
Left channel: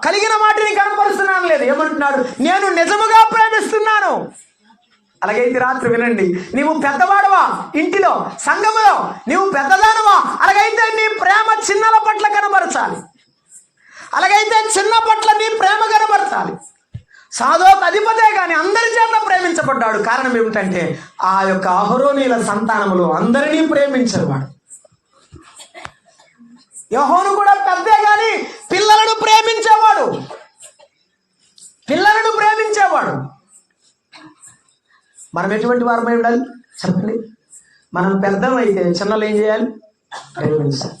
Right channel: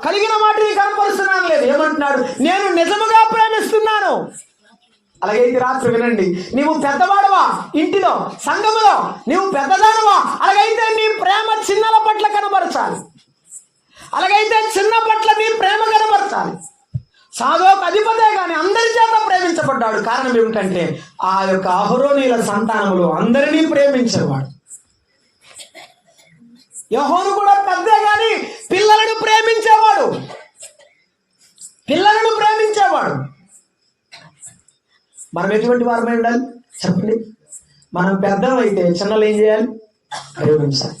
కలిగిన వాటిని కనపరుస్తున్నాను లేదు. ఏమంటున్నాడు? నేను నిజముగా ప్రేమిస్తున్నాను. అలాగైతే రాత్రి వినండి, నీవు పెద్దవాడవా ఇంటిలో, సంఘములో నీవు పెద్దదానవా, అలాగైతే నీ ప్రేమ చిన్నల పట్ల కనబరచాలి. అలాగైతే చిన్న పట్ల నీ ప్రేమ కనబరచాలి. సాదోకు అధిపతే కానీ అందరి చేత ప్రేమించబడ్డాడు. కారణం ఏమిటంటే ఆ యొక్క అహరోనీల సంతానములో అందరినీ ప్రేమించేవాడు. యోహోను కూడా పెద్దే కానీ పిల్లలను ప్రేమించేవాడు. మనం ఎటువంటి వారమై ఉండాలి చెప్పండి? మనం పెద్దమైతే చిన్నలు ఏం చేయాలి? ప్రేమించాలి.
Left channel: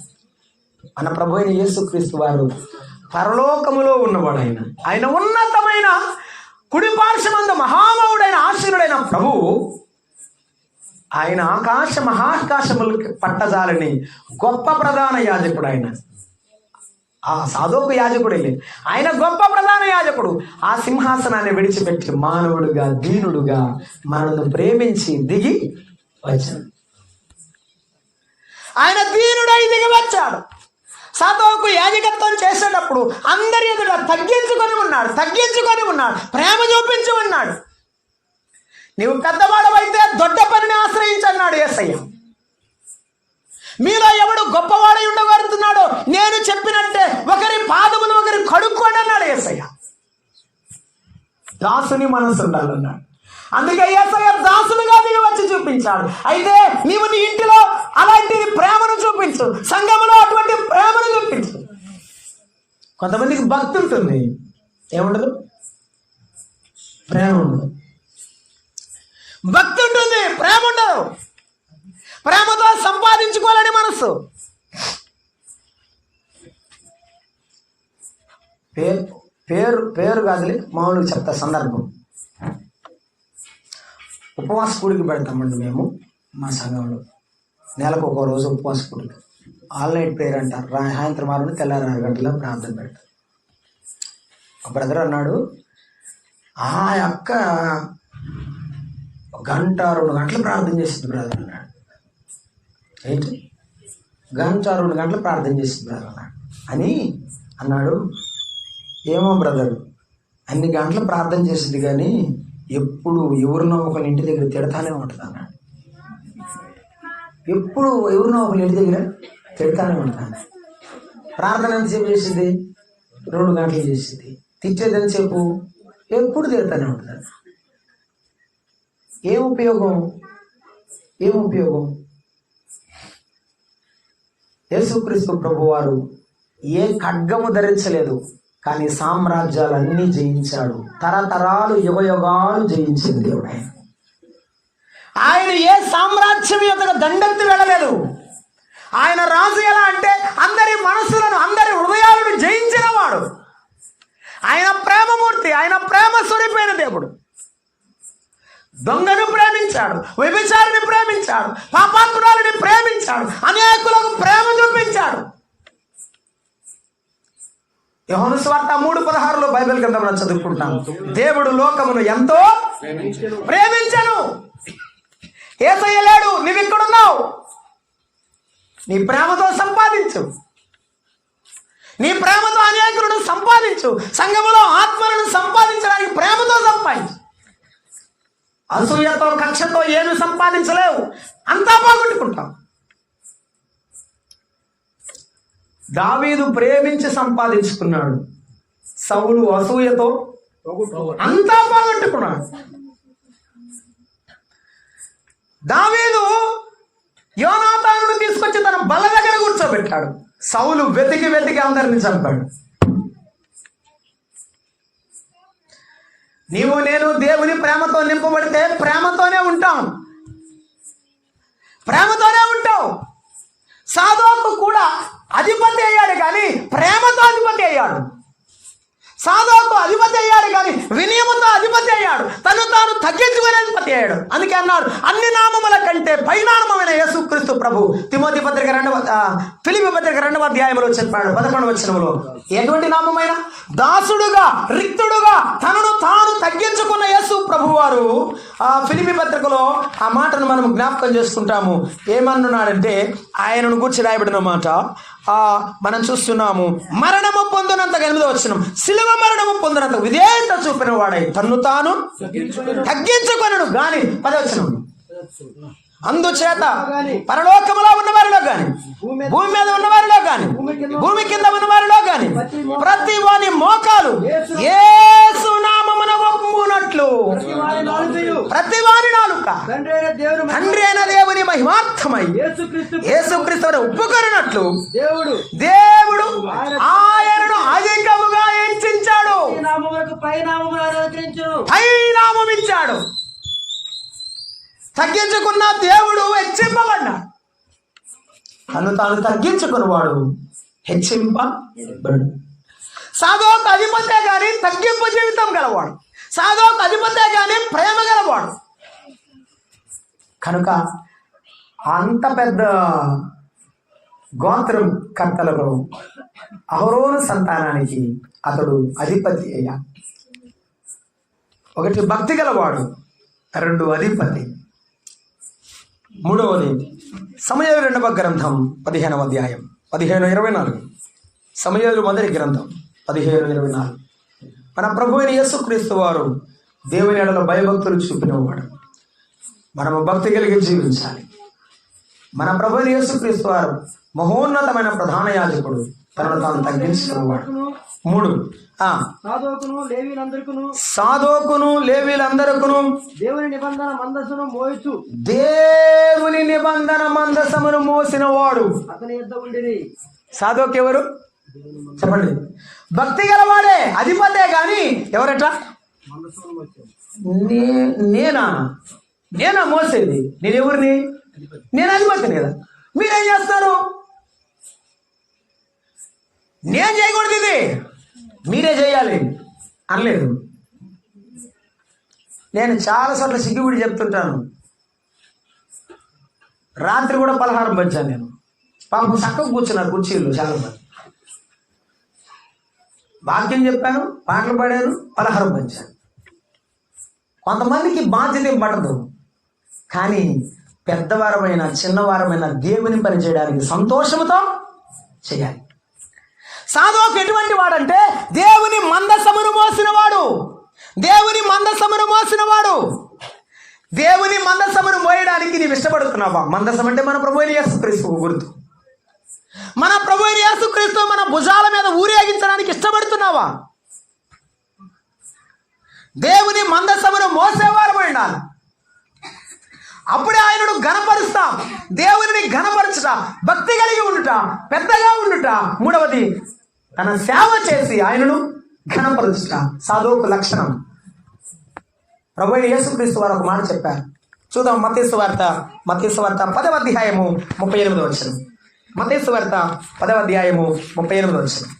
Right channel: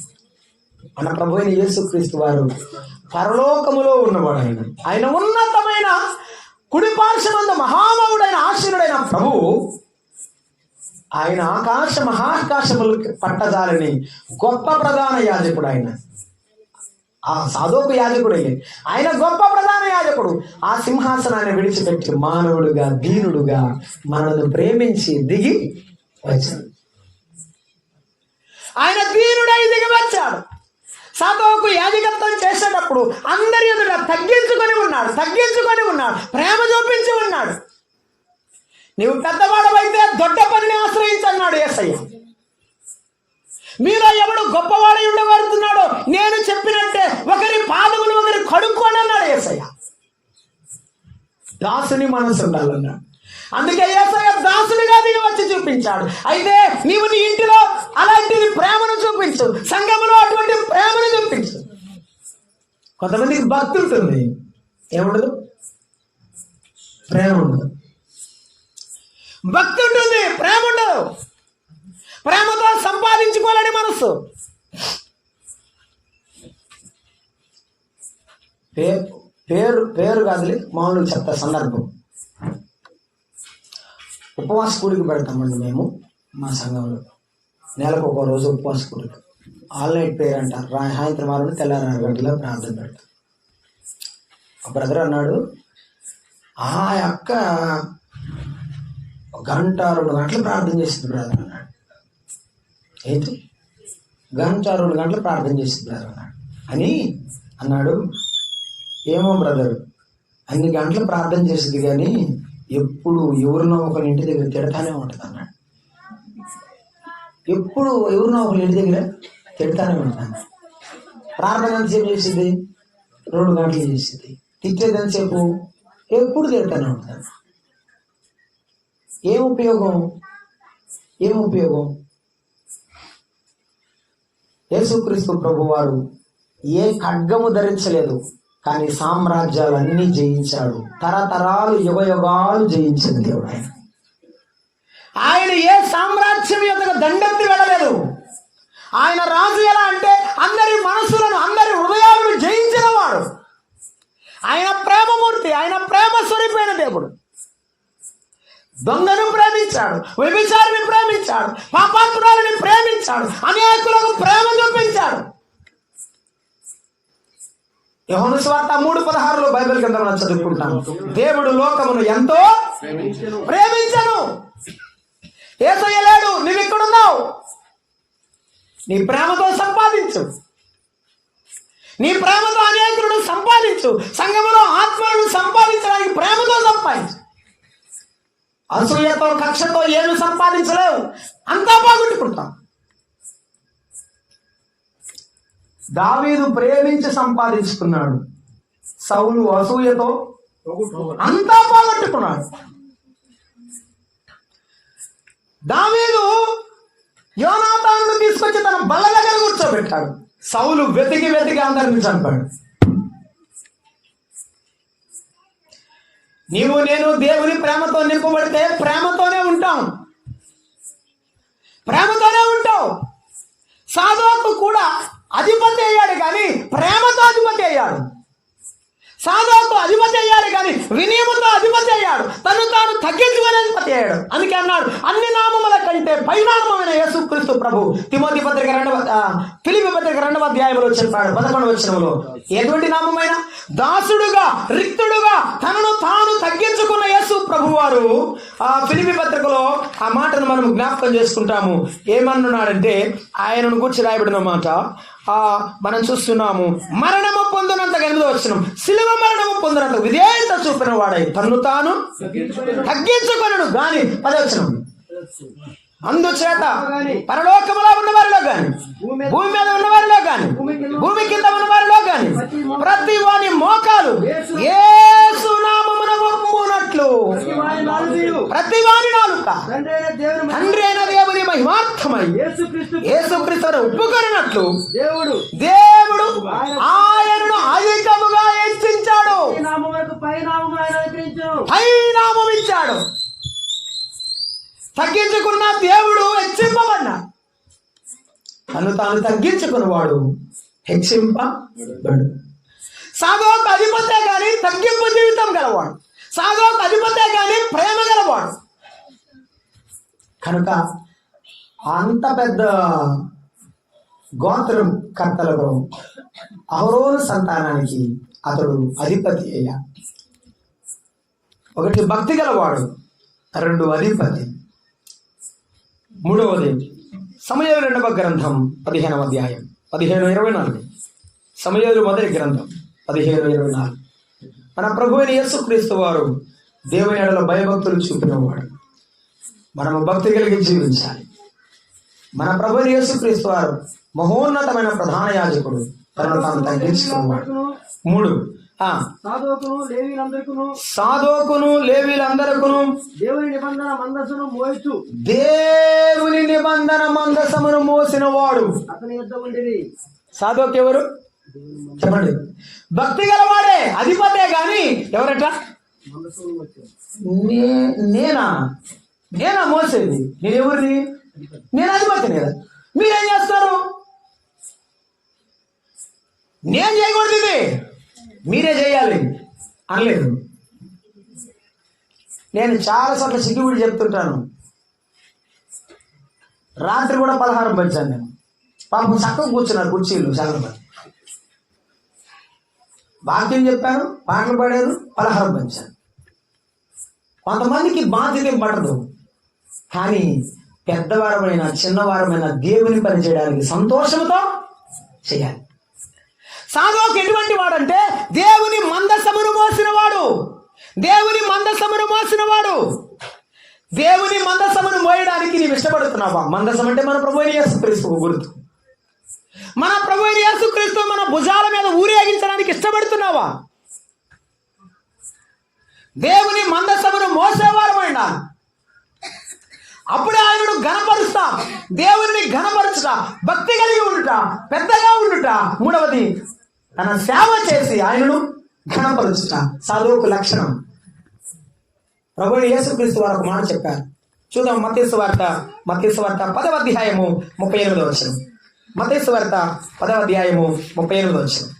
మన ప్రభు అయిన యేసుక్రీస్తు వారు పరలోకములో ఉన్నవాడు. ఆయన ఉన్నతమైన కుడి పార్శ్వమందు మహామహుడైన ఆశీనుడైన ప్రభువు, ఆయన మహాకాశములకు పట్టజాలని గొప్ప ప్రధాన యాజకుడు. ఆయన ఆ సాదోకు యాజకుడే, ఆయన గొప్ప ప్రధాన యాజకుడు. ఆ సింహాసనాన్ని విడిచిపెట్టి మానవుడుగా, దీనుడుగా మనల్ని ప్రేమించి దిగి వచ్చాడు. ఆయన దీనుడై దిగి వచ్చాడు. సాదోకు యాజకత్వం చేసేటప్పుడు అందరి ఎదుట తగ్గించుకొని ఉన్నాడు. ప్రేమ చూపించి ఉన్నాడు. నీవు పెద్దవాడవైతే దొడ్డ పనిని ఆశ్రయించన్నాడు యేసయ్య. మీలో ఎవడు గొప్పవాడై ఉండగలుగుతున్నాడో నేను చెప్పినట్టే ఒకరి పాదములు ఒకరి కడుక్కోండి అన్నాడు యేసయ్య. దాసుని మనసు ఉండాలన్నాడు. అందుకే యేసయ్య దాసునిగా దిగి వచ్చి చూపించాడు. అయితే నీవు నీ ఇంటిలో అలాంటి ప్రేమను చూపించు, సంఘములో అటువంటి ప్రేమను చూపించు. కొంతమందికి భక్తి ఉంటుంది, ఏముండదు? ప్రేమ ఉండదు. భక్తి ఉంటుంది, ప్రేమ ఉండదు. ప్రేమతో సంపాదించుకోలేని మనసు. పేరు కాదులే, మామూలుగా చెప్తా సందర్భం. ఉపవాస కూడికి పెడతామండి మేము మా సంఘంలో. నెలకు ఒక రోజు ఉపవాస కూడిక, ఆల్ నైట్ ప్రేయర్ అంటారు. సాయంత్రం 6 నుండి తెల్లారి 6 గంటల ప్రార్థన పెడతారు. ఒక బ్రదర్ అన్నాడు, ఆ అక్క 1 గంట 2 గంటలు ప్రార్థన చేసింది బ్రదర్ అన్నాడు. ఏంటి 1 గంట 2 గంటలు ప్రార్థన చేసింది బ్రదర్ అన్నాడు. ఏమో బ్రదర్, అన్ని గంటలు ప్రార్థన చేసింది కానీ ఎప్పుడు ఎవరినో ఒకరి ఇంటి దగ్గర తిడతానే ఉంటుంది అన్నాడు. ఎప్పుడు ఎవరినో ఒకరి ఇంటి దగ్గర తిడతానే ఉంటాను. ప్రార్థన ఎంతసేపు చేసింది? 2 గంటలు చేసింది. తిట్టేది ఎంతసేపు? ఎప్పుడు తిడతానే ఉంటుంది. ఏం ఉపయోగం? యేసుక్రీస్తు ప్రభువారు ఏ ఖడ్గము ధరించలేదు, కానీ సామ్రాజ్యాలన్నీ జయించాడు. తరతరాలు యుగయుగాలు జయించిన దేవుడు ఆయన. ఆయన ఏ సామ్రాజ్యం యొక్క దండెత్తి వెళ్ళలేదు. ఆయన రాజు ఎలా అంటే అందరి మనసులను, అందరి హృదయాలను జయించిన వాడు. ఆయన ప్రేమమూర్తి, ఆయన ప్రేమ స్వరూపైన దేవుడు. దొంగను ప్రేమించాడు, వ్యభిచారిని ప్రేమించాడు, పాపాత్మురాలని ప్రేమించాడు, అనేకులకు ప్రేమ చూపించాడు. యోహాను సువార్త 3:16 బైబిల్ గ్రంథంలో చదువుకుంటాను. దేవుడు లోకమును ఎంతో ప్రేమించెను. యేసయ్య లేడు, నీవు ఇక్కడున్నావు. నీ ప్రేమతో సంపాదించు. నీ ప్రేమతో అనేకులను సంపాదించు. సంఘములో ఆత్మలను సంపాదించడానికి ప్రేమతో సంపాదించు. అసూయతో, కక్షతో ఏమి సంపాదించలేవు, అంతా బాగుంటుకుంటావు. దావీదు ప్రేమించి సంపాదించుకున్నాడు. సౌలు అసూయతో అంతా పోగొట్టుకున్నాడు. దావీదు యోనాతానును తీసుకొచ్చి తన బల్ల దగ్గర కూర్చోబెట్టాడు. సౌలు వెతికి అందరిని చంపాడు. నీవు నేను దేవుని ప్రేమతో నింపబడితే ప్రేమతోనే ఉంటావు. సాదోకు కూడా అధిపతి అయ్యాడు కానీ ప్రేమతో అధిపతి అయ్యాడు. సాదోకు అధిపతి అయ్యాడు కానీ వినయముతో అధిపతి అయ్యాడు. తను తాను తగ్గించుకునే అధిపతి అయ్యాడు. అందుకే అన్నాడు, అన్ని నామముల కంటే పైనామమైన యేసుక్రీస్తు ప్రభు. ఫిలిప్పీ పత్రిక 2వ అధ్యాయంలో చెప్పాడు 11వ వచనంలో. ఎటువంటి నామమైన? దాసుడుగా రిక్తుడుగా తనను తాను తగ్గించుకున్న యేసు ప్రభు వారు ఫిలిప్పీ పత్రికలో ఆ మాటను మనం జ్ఞాపకం చేసుకుంటాము. ఏమన్నాడంటే, ఆయనను గురించి రాయబడిన మాట మనం చూస్తున్నాము. మరణము పొందినంత 8వ వచనం, శిలువ మరణము పొందినంత విధేయత చూపిన వాడై తన్ను తాను తగ్గించుకొనడు గాని 10వ వచనం, అందుచేత పరలోకములో ఉన్న వారిలో గాని, భూమి మీద ఉన్న వారిలో గాని, భూమి కింద ఉన్న వారిలో గాని ప్రతి వాని మోకాలు యేసు నామమున ఒప్పునట్లు, ప్రతి వాని నాలుక తండ్రి అయిన దేవుని మహిమార్థమై యేసుక్రీస్తును ఒప్పుకొనినట్లు దేవుడు ఆయనను అధికముగా హెచ్చించాడు, పైనామం ఇచ్చాడు. తగ్గించుకున్న దేవుడు హెచ్చింపబడ్డాడు. తను తాను తగ్గించుకున్నవాడు హెచ్చింపబడు. సాదోకు అధిపతే కానీ తగ్గింపు జీవితం గలవాడు. సాదోకు అధిపతే కానీ ప్రేమ గలవాడు. కనుక అంత పెద్ద గోత్రం కర్తలలో అహరోను సంతానానికి అతడు అధిపతి అయ్యాడు. 1 భక్తి గలవాడు, 2 అధిపతి. 3వది సమూయేలు 2వ గ్రంథం 15వ అధ్యాయం 15:24. సమూయేలు మొదటి గ్రంథం 15:24. మన ప్రభు అయిన యేసుక్రీస్తు వారు దేవుని యెడల భయభక్తులు చూపినవాడు. మనము భక్తి కలిగి జీవించాలి. మన ప్రభు అయిన యేసుక్రీస్తు వారు మహోన్నతమైన ప్రధాన యాజకుడు, తనను తాను తగ్గించుకున్నవాడు. 3 సాదోకును లేవీలందరకును దేవుని నిబంధన మందసమును మోసిన వాడు సాదోకు ఎవరు చెప్పండి? భక్తి గలవాడే, అధిపతే గాని ఎవరట? నేనా మోసేది? నేనెవరిని? నేను అధిపతిని కదా. మీరేం చేస్తారు? నేను చేయకూడదు, ఇది మీరే చేయాలి అనలేదు. నేను చాలాసార్లు సిగ్గుబిడి చెప్తుంటాను. రాత్రి కూడా పలహారం పంచాను నేను. పాపం చక్కగా కూర్చున్నారు కుర్చీలు చాలా మంది. వాక్యం చెప్పాను, పాటలు పాడాను, పలహారం పంచాను. కొంతమందికి బాధ్యత పడదు, కానీ పెద్దవారమైన చిన్నవారమైన దేవుని పని చేయడానికి సంతోషంతో చేయాలి. సాదోకు ఎటువంటి వాడంటే దేవుని మందసమును మోసినవాడు. దేవుని మందసమును మోసినవాడు. దేవుని మందసమును మోయడానికి నీవు ఇష్టపడుతున్నావా? మందసం అంటే మన ప్రభు అయిన యేసుక్రీస్తుకు గుర్తు. మన ప్రభు అయిన యేసుక్రీస్తు మన భుజాల మీద ఊరేగించడానికి ఇష్టపడుతున్నావా? దేవుని మందసమును మోసేవారమైనా అప్పుడే ఆయనను ఘనపరుస్తా. దేవుని ఘనపరచుట, భక్తి కలిగి ఉండుట, పెద్దగా ఉండుట. 3వది తన సేవ చేసి ఆయనను ఘనపరుచుట సాదోకు లక్షణం. ప్రభువైన యేసుక్రీస్తు వారు ఒక మాట చెప్పారు. చూద్దాం మత్తయి సువార్త 10వ అధ్యాయము 38వ వచనం. మత్తయి సువార్త 10వ అధ్యాయము 38వ వచనం.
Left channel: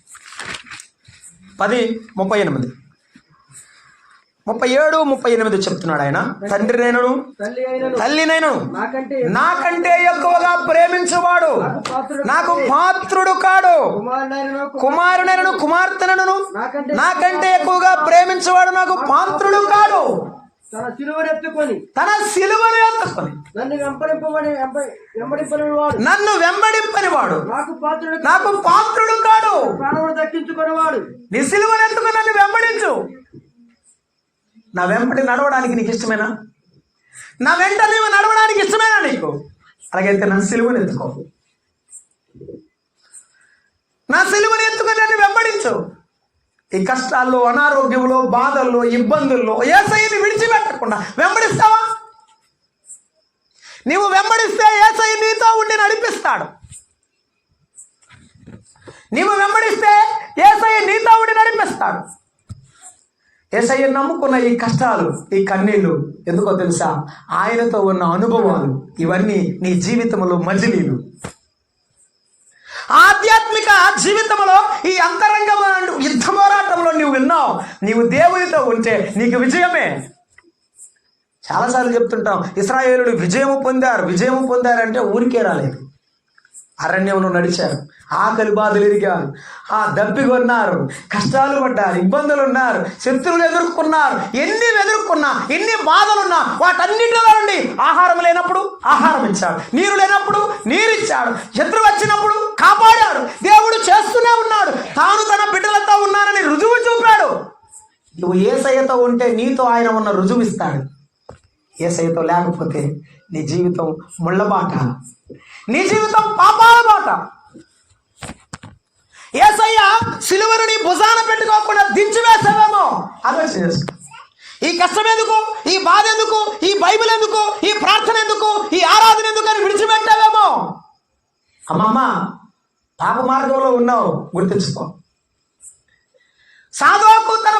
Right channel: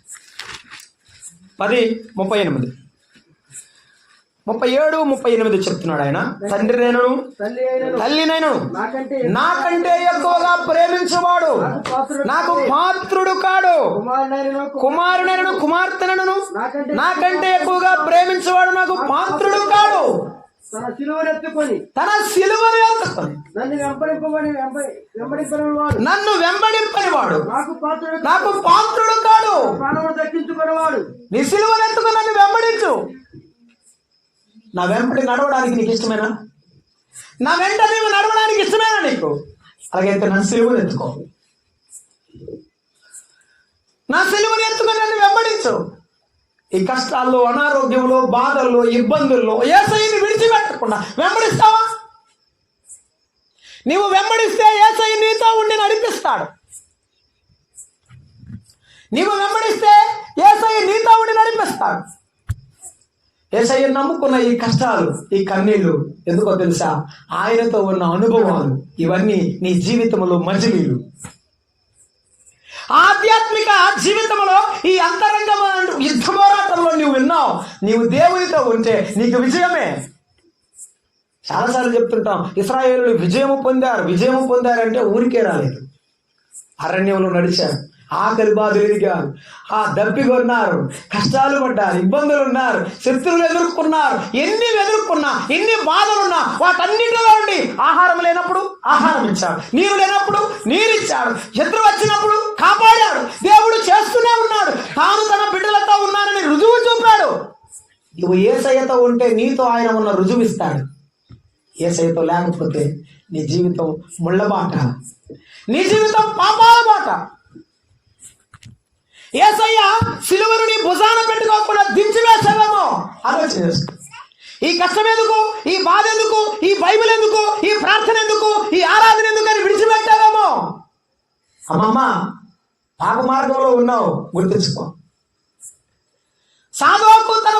10:38 37, 38 చెప్తున్నాడు ఆయన. తండ్రినైనను తల్లినైనను నాకంటే ఎక్కువగా ప్రేమించువాడు నాకు పాత్రుడు కాడు. కుమారునైనను కుమార్తెనను నాకంటే ఎక్కువగా ప్రేమించువాడు నాకు పాత్రుడు కాడు. తన సిలువను ఎత్తుకొని నన్ను వెంబడింపని వాడు నాకు పాత్రుడు కాడు. దక్కించుకునేవాడు. నీ సిలువను ఎత్తుకొని నన్ను వెంబడించు. నా వెంబడి నడవడానికి నీకు ఇష్టమేనా? నా వెంట నీవు నడవడానికి ఇష్టమేనా నీకు? అలాగైతే నా సిలువను ఎత్తుకో. నా సిలువను ఎత్తుకొని నన్ను వెంబడించు. ఈ కష్టాల్లో, అనారోగ్యంలో, బాధల్లో, ఇబ్బందుల్లో యేసయ్యని విడిచిపెట్టకుండా వెంబడిస్తావా? నీవు వెంబడిస్తే యేసయ్య నీతో ఉండి నడిపిస్తాడు. నీవు వెంబడిస్తే యేసయ్య నీతో ఉండి నడిపిస్తాడు. యేసయ్య నమ్ముకున్న ఈ కష్టాలు, ఈ కన్నీళ్లు ఎందుకో తెలుసా? ఆయనతో ఉన్న అనుభవాలు. ఇవన్నీ నీ జీవితంలో మజిలీలు. జీవితంలో ఈ అంతరంగ యుద్ధ పోరాటంలో నువ్వు విన్నావు, నీవు దేవునితో ఉంటే నీకు విజయమే. చాలాసార్లు చెప్తుంటాం, ఇశ్రాయేలులు విజయము పొందారంటే ఊరికే రాలేదు. అరణ్యంలో నడిచారు, ఆకలి బాధలు ఎదిగారు, దప్పికొన్నారు, కష్టాలు పడ్డారు, ఇబ్బందులు ఉన్నారు, శత్రువులు ఎదుర్కొన్నారు. ఎన్ని ఎదుర్కొన్నా, ఎన్ని బాధలున్నా వాటన్నిటిలో నుండి ఆహారం లేనప్పుడు ఆహారం ఇచ్చాడు, నీరు లేనప్పుడు నీరు ఇచ్చాడు, శత్రువు వచ్చినప్పుడు కాపాడాడు. దేవుడు చేస్తూనే ఉన్నాడు, తాను తన బిడ్డలతో ఉన్నానని రుజువు చూపాడు. నువ్వు యేసయ్యతో ఉంటే నీతో ఆయన ఉన్న రుజువు ఇస్తాడు. యేసయ్యతో లేకపోతే నీ జీవితం ముళ్ళబాట, నీ జీవితం పాపాల బాట. యేసయ్య సిలువను నీ భుజాన పెట్టుకోకుండా దించివేసావేమో ఆలోచన చేసుకో. ఈ కష్టం ఎందుకు, ఈ బాధ ఎందుకు, ఈ బైబిల్ ఎందుకు, ఈ ప్రార్థన ఎందుకు, ఈ ఆరాధన ఎందుకు అని విడిచిపెట్టావేమో. అమ్మమ్మ, పాప మార్గంలో ఉన్నావు, గుర్తించుకో. సాధువుకు తన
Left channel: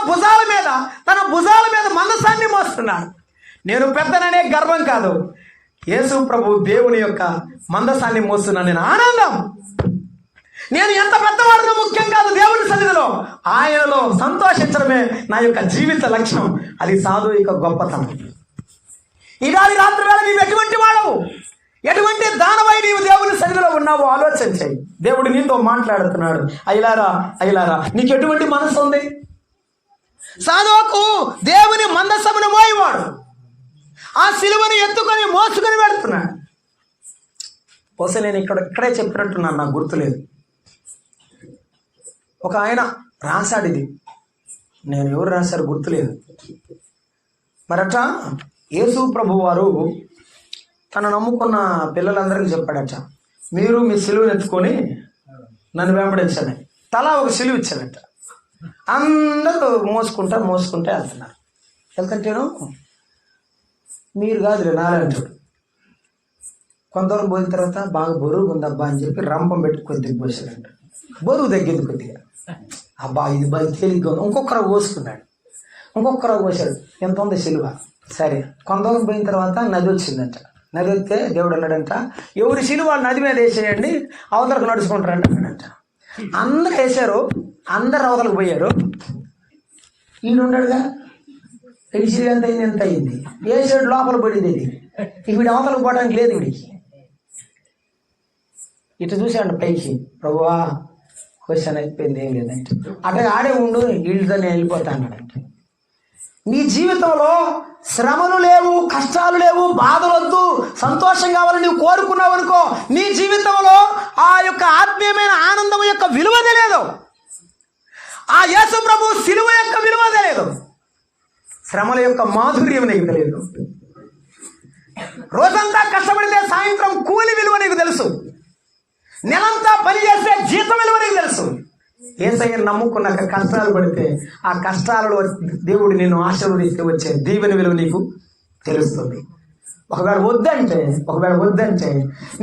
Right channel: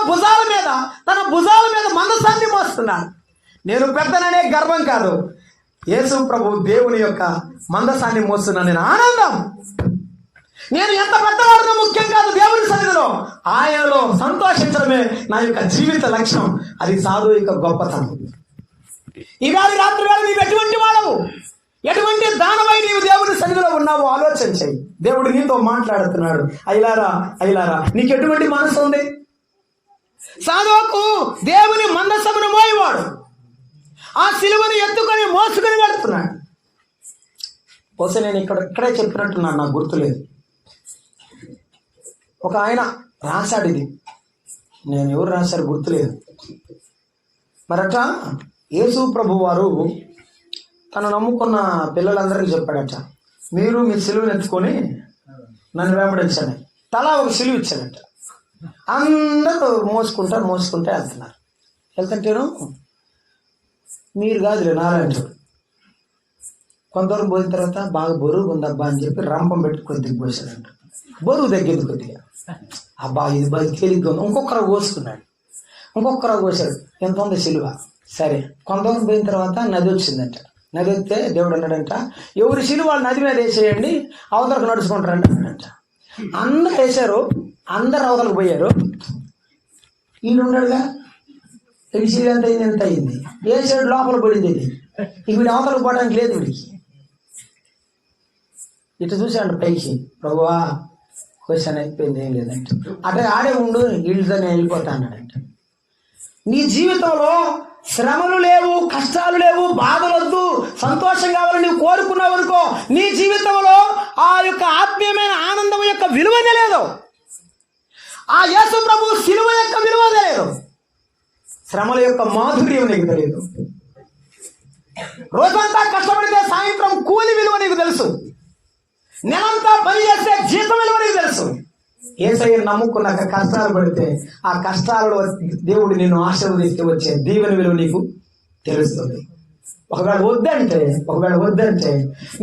భుజాల మీద మందసాన్ని మోస్తున్నాడు. నేను పెద్దననే గర్వం కాదు, యేసు ప్రభు దేవుని యొక్క మందసాన్ని మోస్తున్నాను. నేను ఆనందం. నేను ఎంత పెద్దవాడినో ముఖ్యం కాదు, దేవుని సన్నిధిలో ఆయనలో సంతోషించడమే నా యొక్క జీవిత లక్ష్యం. అది సాధువు యొక్క గొప్పతనం. ఇవాళ రాత్రి వేళ నీవు ఎటువంటి వాడవు, ఎటువంటి దానమై నీవు దేవుని సన్నిధిలో ఉన్నావో ఆలోచన చెయ్యి. దేవుడు నీతో మాట్లాడుతున్నాడు. అయ్యలారా నీకు ఎటువంటి మనసు ఉంది? సాధువుకు దేవుని మందసమును మోయేవాడు ఆ సిలువను ఎత్తుకొని మోసుకొని వెళ్తున్నాడు. బహుశా నేను ఇక్కడే చెప్పినట్టున్నాను, నాకు గుర్తులేదు. ఒక ఆయన రాశాడు, ఇది నేను ఎవరు రాశారు గుర్తులేదు. మరట యేసు ప్రభు వారు తను నమ్ముకున్న పిల్లలందరికీ చెప్పాడట, మీరు మీ సిలువను ఎత్తుకొని నన్ను వెంబడించండి. తలా ఒక సిలువ ఇచ్చాడట. అందరూ మోసుకుంటా వెళ్తుంటేను మీరు కాదులే నారాయణుడు. కొంతవరకు పోయిన తర్వాత బాగా బరువు ఉందబ్బా అని చెప్పి రంపం పెట్టి కొద్దిగా పోసాడంట. బరువు తగ్గింది కొద్దిగా. అబ్బా ఇది బాగా తేలిగ్గా ఉంది. ఇంకొకరు పోసాడు. ఎంత ఉంది సిలువ? సరే, కొంతవరకు పోయిన తర్వాత నది వచ్చిందంట. నది వస్తే దేవుడు అన్నాడంట, ఎవరి సిలువ నది మీద వేసేయండి, అవతలకు నడుచుకుంటారంట అన్నాడంట. అందరూ వేసారు, అందరు అవతలకు పోయారు. ఈయనున్నాడుగా, పిలిచి ఎంత అయింది, వేసాడు, లోపల పడింది. ఇది వీడు అవతలకు పోవడానికి లేదు. వీడికి ఇటు చూసాడు పైకి, ప్రభువా క్వశ్చన్ అయిపోయింది, ఏం లేదంటే అటే ఆడే ఉండు, వీళ్ళతో నేను వెళ్ళిపోతా అన్నాడంటే. నీ జీవితంలో శ్రమలు లేవు, కష్టాలు లేవు, బాధలు వద్దు, సంతోషం కావాలని నువ్వు కోరుకున్నావు అనుకో, నీ జీవితంలో ఆ యొక్క ఆత్మీయమైన ఆనందం యొక్క విలువ తెలియదు. ఆ యేసు ప్రభు సిలువ యొక్క విలువ తెలియదు. శ్రమల యొక్క మాధుర్యం నీకు తెలియదు. రోజంతా కష్టపడితే సాయంత్రం కూలి విలువ నీకు తెలుసు. నెలంతా పని చేస్తే జీతం విలువ నీకు తెలుసు. యేసయ్యను నమ్ముకున్నాక కష్టాలు పడితే ఆ కష్టాలలో దేవుడు నిన్ను ఆశీర్వదిస్తే వచ్చే దీవెన విలువ నీకు తెలుస్తుంది. ఒకవేళ వద్దంటే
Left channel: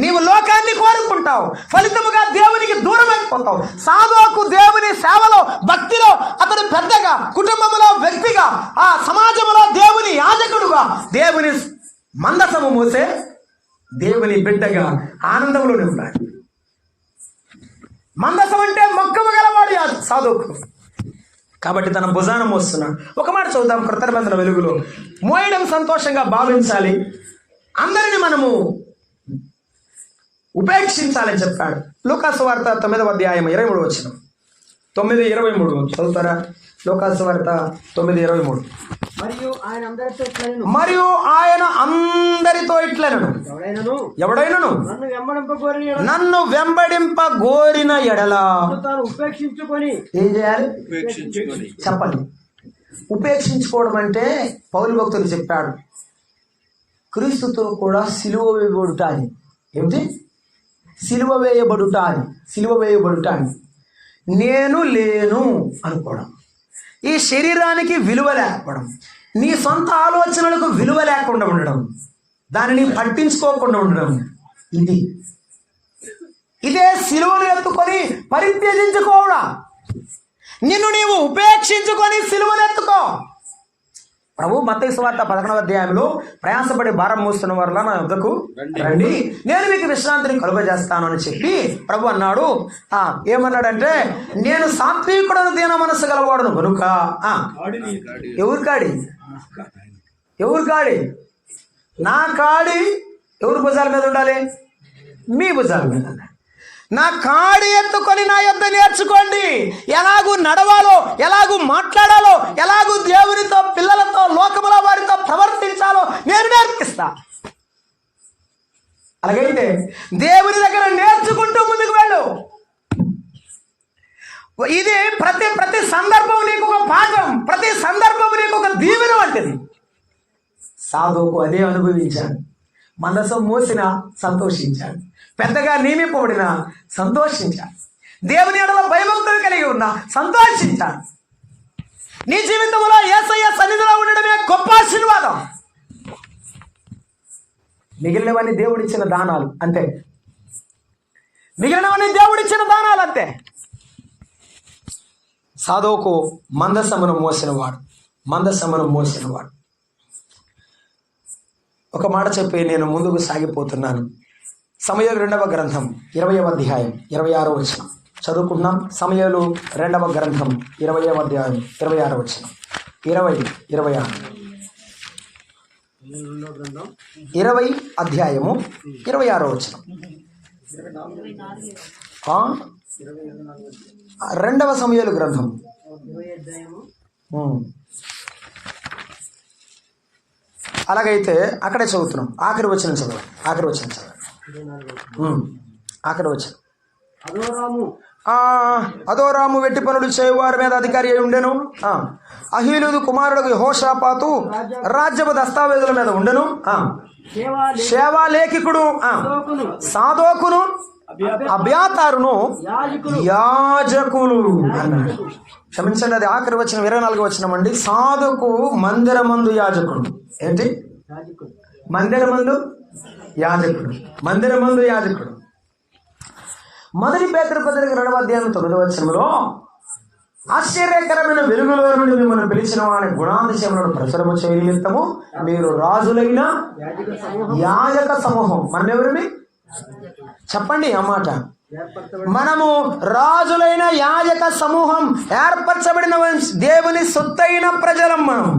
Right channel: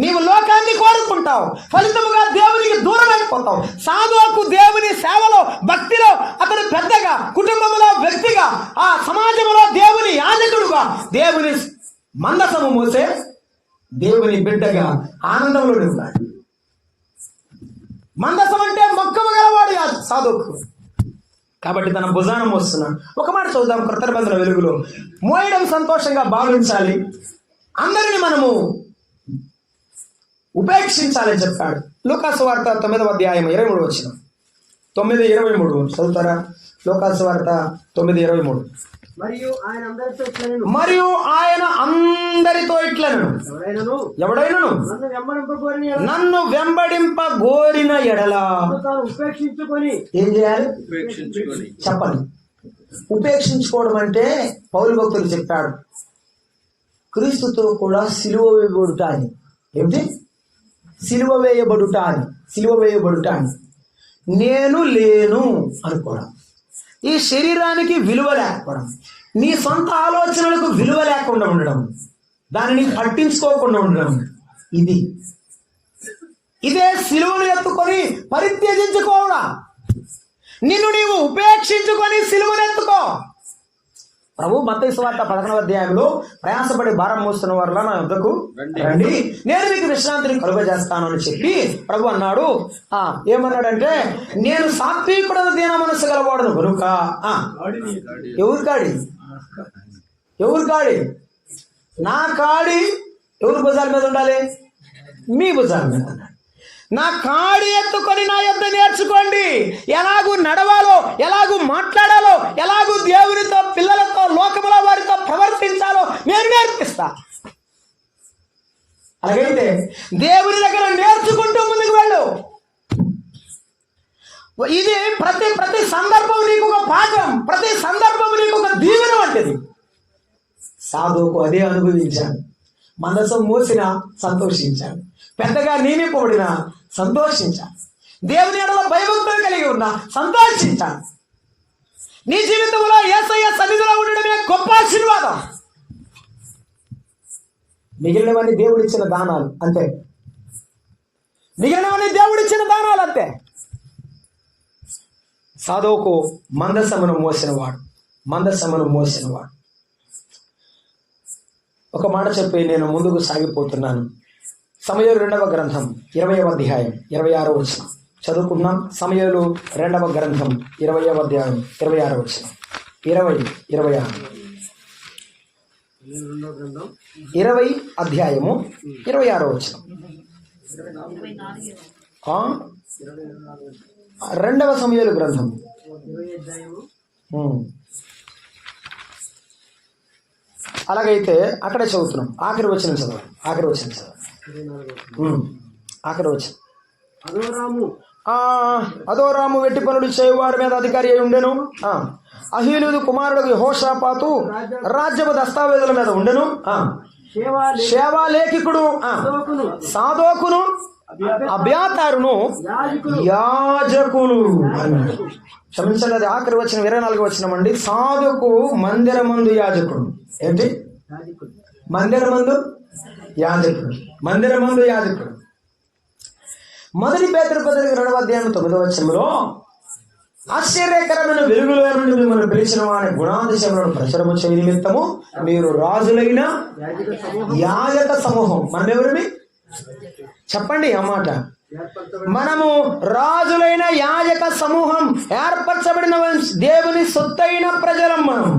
నీవు లోకాన్ని కోరుకుంటావు, ఫలితముగా దేవునికి దూరం అయిపోతావు. సాధువుకు దేవుని సేవలో, భక్తిలో అతడు పెద్దగా, కుటుంబంలో వ్యక్తిగా, ఆ సమాజంలో దేవుని యాజకుడుగా, దేవుని మందసము మోసే దేవుని బిడ్డగా ఆనందంలో ఉన్నాడు. మందసం అంటే మక్కమ గలవాడు సాధువుకు. కాబట్టి తన భుజాన మోస్తున్నాడు. ఒక మాట చూద్దాం, కృత నిబంధన వెలుగులో మోయడం సంతోషంగా భావించాలి, అందరిని మనము ఉపేక్షించాలని చెప్పాడు. లూకాసు వార్త 9వ అధ్యాయం 23 వచనం. 9:23 చదువుతారా? లూకాసు వార్త 9:23. మరియు ఆయన అందరితో ఇట్లనెను, ఎవడైనను నన్ను వెంబడింప గోరిన ఎడల ఏం చేయాలి? చెప్పండి. ఉపేక్షించుకోవడం అంటే పౌలు భక్తులు చెప్పాడు, క్రీస్తుతో కూడా సిలువ వేయబడుట అని. ఏమిటి? సిలువ వేయబడుట అని. నేను లేను అనుకోవడం, ఈ శరీరానికి విలువ లేకపోవడం, నీ సొంత ఆలోచనలకు విలువ లేకుండా ఉండడం, దానిని పట్టించుకోకుండా ఉండడం, ఇదే సిలువను ఎత్తుకొని పరిత్యజించుకోవడం. నిన్ను నీవు ఉపేక్షించుకొని సిలువను ఎత్తుకో. ప్రభు మత్తయి సువార్త 11వ అధ్యాయంలో ప్రయాసపడి భారం మోస్తున్న వారిలా నా వద్దకు రండి, నేను మీకు విశ్రాంతిని కలుగజేస్తాను అని చెప్పి ప్రభు అన్నాడు. ఏమన్నాడంటే, నేను సాత్వికుడను దీన మనస్సు గలవాడును కనుక ఎవరి కాడి నా కాడి ఎవరి భుజాల మీద ఉండాలి? మీ భుజాల మీద. నా కాడి ఎత్తుకొని నా యొద్ద నేర్చుకోండి, ఎలాగూ నడవాలో, ఎలాగూ మాట్లాడాలో, ఎలాగూ దేవునితో, పిల్లలతో, లోకముల వారితో ప్రవర్తించాలో నేను నేర్పిస్తా. అలాగైతే దేవుని దగ్గర నేర్చుకుంటూ ముందుకు వెళ్ళు. ఇది ప్రతి సందర్భం నీకు ఒక పాఠం, ప్రతి సందర్భం నీకు ఒక దీవెన వంటిది. సాధువుకు అదే అనుభవించాను. మనసు మోసిన సంతోషించాడు, పెద్దగా నియమింపబడిన సంతోషించాడు, దేవుని ఎడల భయభక్తులు కలిగి ఉన్న సంతోషించాడు. నీ జీవితంలో యేసయ్య సన్నిధిలో ఉండడమే గొప్ప ఆశీర్వాదం. మిగిలినవన్నీ దేవుడిచ్చిన దానాలు అంతే. మిగిలినవన్నీ దేవుడిచ్చిన దానాలు అంతే. సాధువుకు మందసమును మోసినవాడు. ఒక మాట చెప్పి నేను ముందుకు సాగిపోతున్నాను. సమూయేలు 2వ గ్రంథం 20వ అధ్యాయం 26వ వచనం చదువుకుందాం. సమూయేలు 2వ గ్రంథం 20వ అధ్యాయం 26వ వచనం. 20 అధ్యాయము 26వ వచనం. 2వ సమూయేలు గ్రంథం అలాగైతే అక్కడే చదువుతున్నాం. ఆఖరి వచనం చదవండి. ఆఖరి వచనం. అదోరాము వెట్టి పనులు చేయువారి మీద అధికారి అయి ఉండెను. అహీలుదు కుమారుడు యెహోషాపాతు రాజ్యపు దస్తావేజుల మీద ఉండెను. సేవాలేఖికుడు సాదోకును అబ్యాతారును యాజకులు అన్నాడు. క్షమించండి, అది ఆఖరి వచనం 24వ వచనం అండి. సాధుకు మందిరమందు యాజకుడు. ఏంటి? మందిరమందు యాజకుడు. మొదటి పేతురు పత్రిక 2వ అధ్యాయం 9వ వచనంలో ఆశ్చర్యకరమైన వెలుగులో నుండి మిమ్మల్ని పిలిచిన వారి గుణాతిశయములను ప్రచురము చేయ నిమిత్తము మీరు రాజులైన యాజక సమూహం. మనం ఎవరిమి? చెప్పండి ఆ మాట. మనము రాజులైన యాజక సమూహం, ఏర్పరచబడిన దేవుని సొత్తైన ప్రజలం. మనం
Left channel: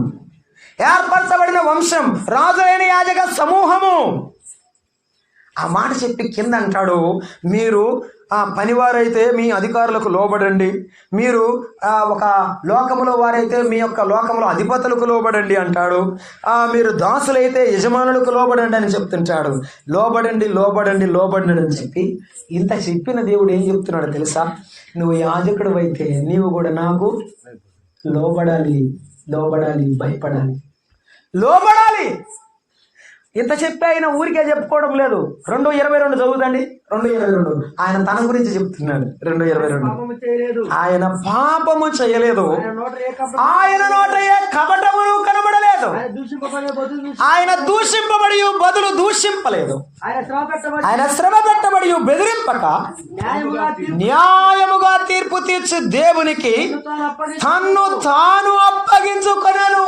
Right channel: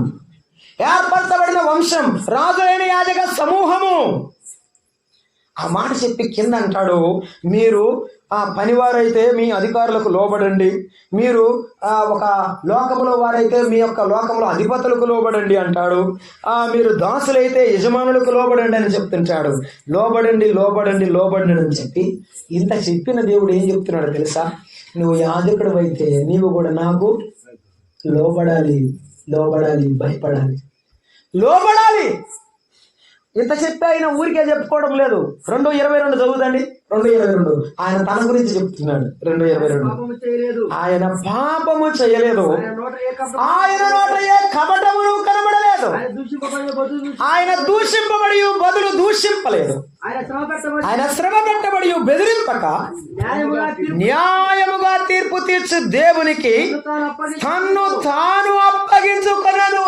ఏర్పరచబడిన వంశం, రాజులైన యాజక సమూహము. ఆ మాట చెప్పి కింద అంటాడు, మీరు పనివారైతే మీ అధికారులకు లోబడండి, మీరు ఒక లోకములో వారైతే మీ యొక్క లోకములో అధిపతులకు లోబడండి అంటాడు. మీరు దాసులైతే యజమానులకు లోబడండి అని చెప్తుంటాడు. లోబడండి అని చెప్పి ఇంత చెప్పిన దేవుడు ఏం చెప్తున్నాడు తెలుసా? నువ్వు యాజకుడు అయితే నీవు కూడా నాకు లోబడాలి, భయపడాలి, లోబడాలి. ఇంత చెప్పి ఆయన ఊరికే చెప్పుకోవడం లేదు. 2:22 చదువుదండి. 2:22 ఆయన తన గురించి చెప్తున్నాడు. 2:22 ఆయన పాపము చేయలేదు, ఆయన నోట ఏ కపటమును కనబడలేదు, ఆయన దూషింపబడి బదులు దూషింపలేదు, ఆయన శ్రమ పెట్టబడి బెదిరింపక న్యాయముగా తీర్పు తీర్చు దేవునికి తన్ను తాను అప్పగించుకొనెను.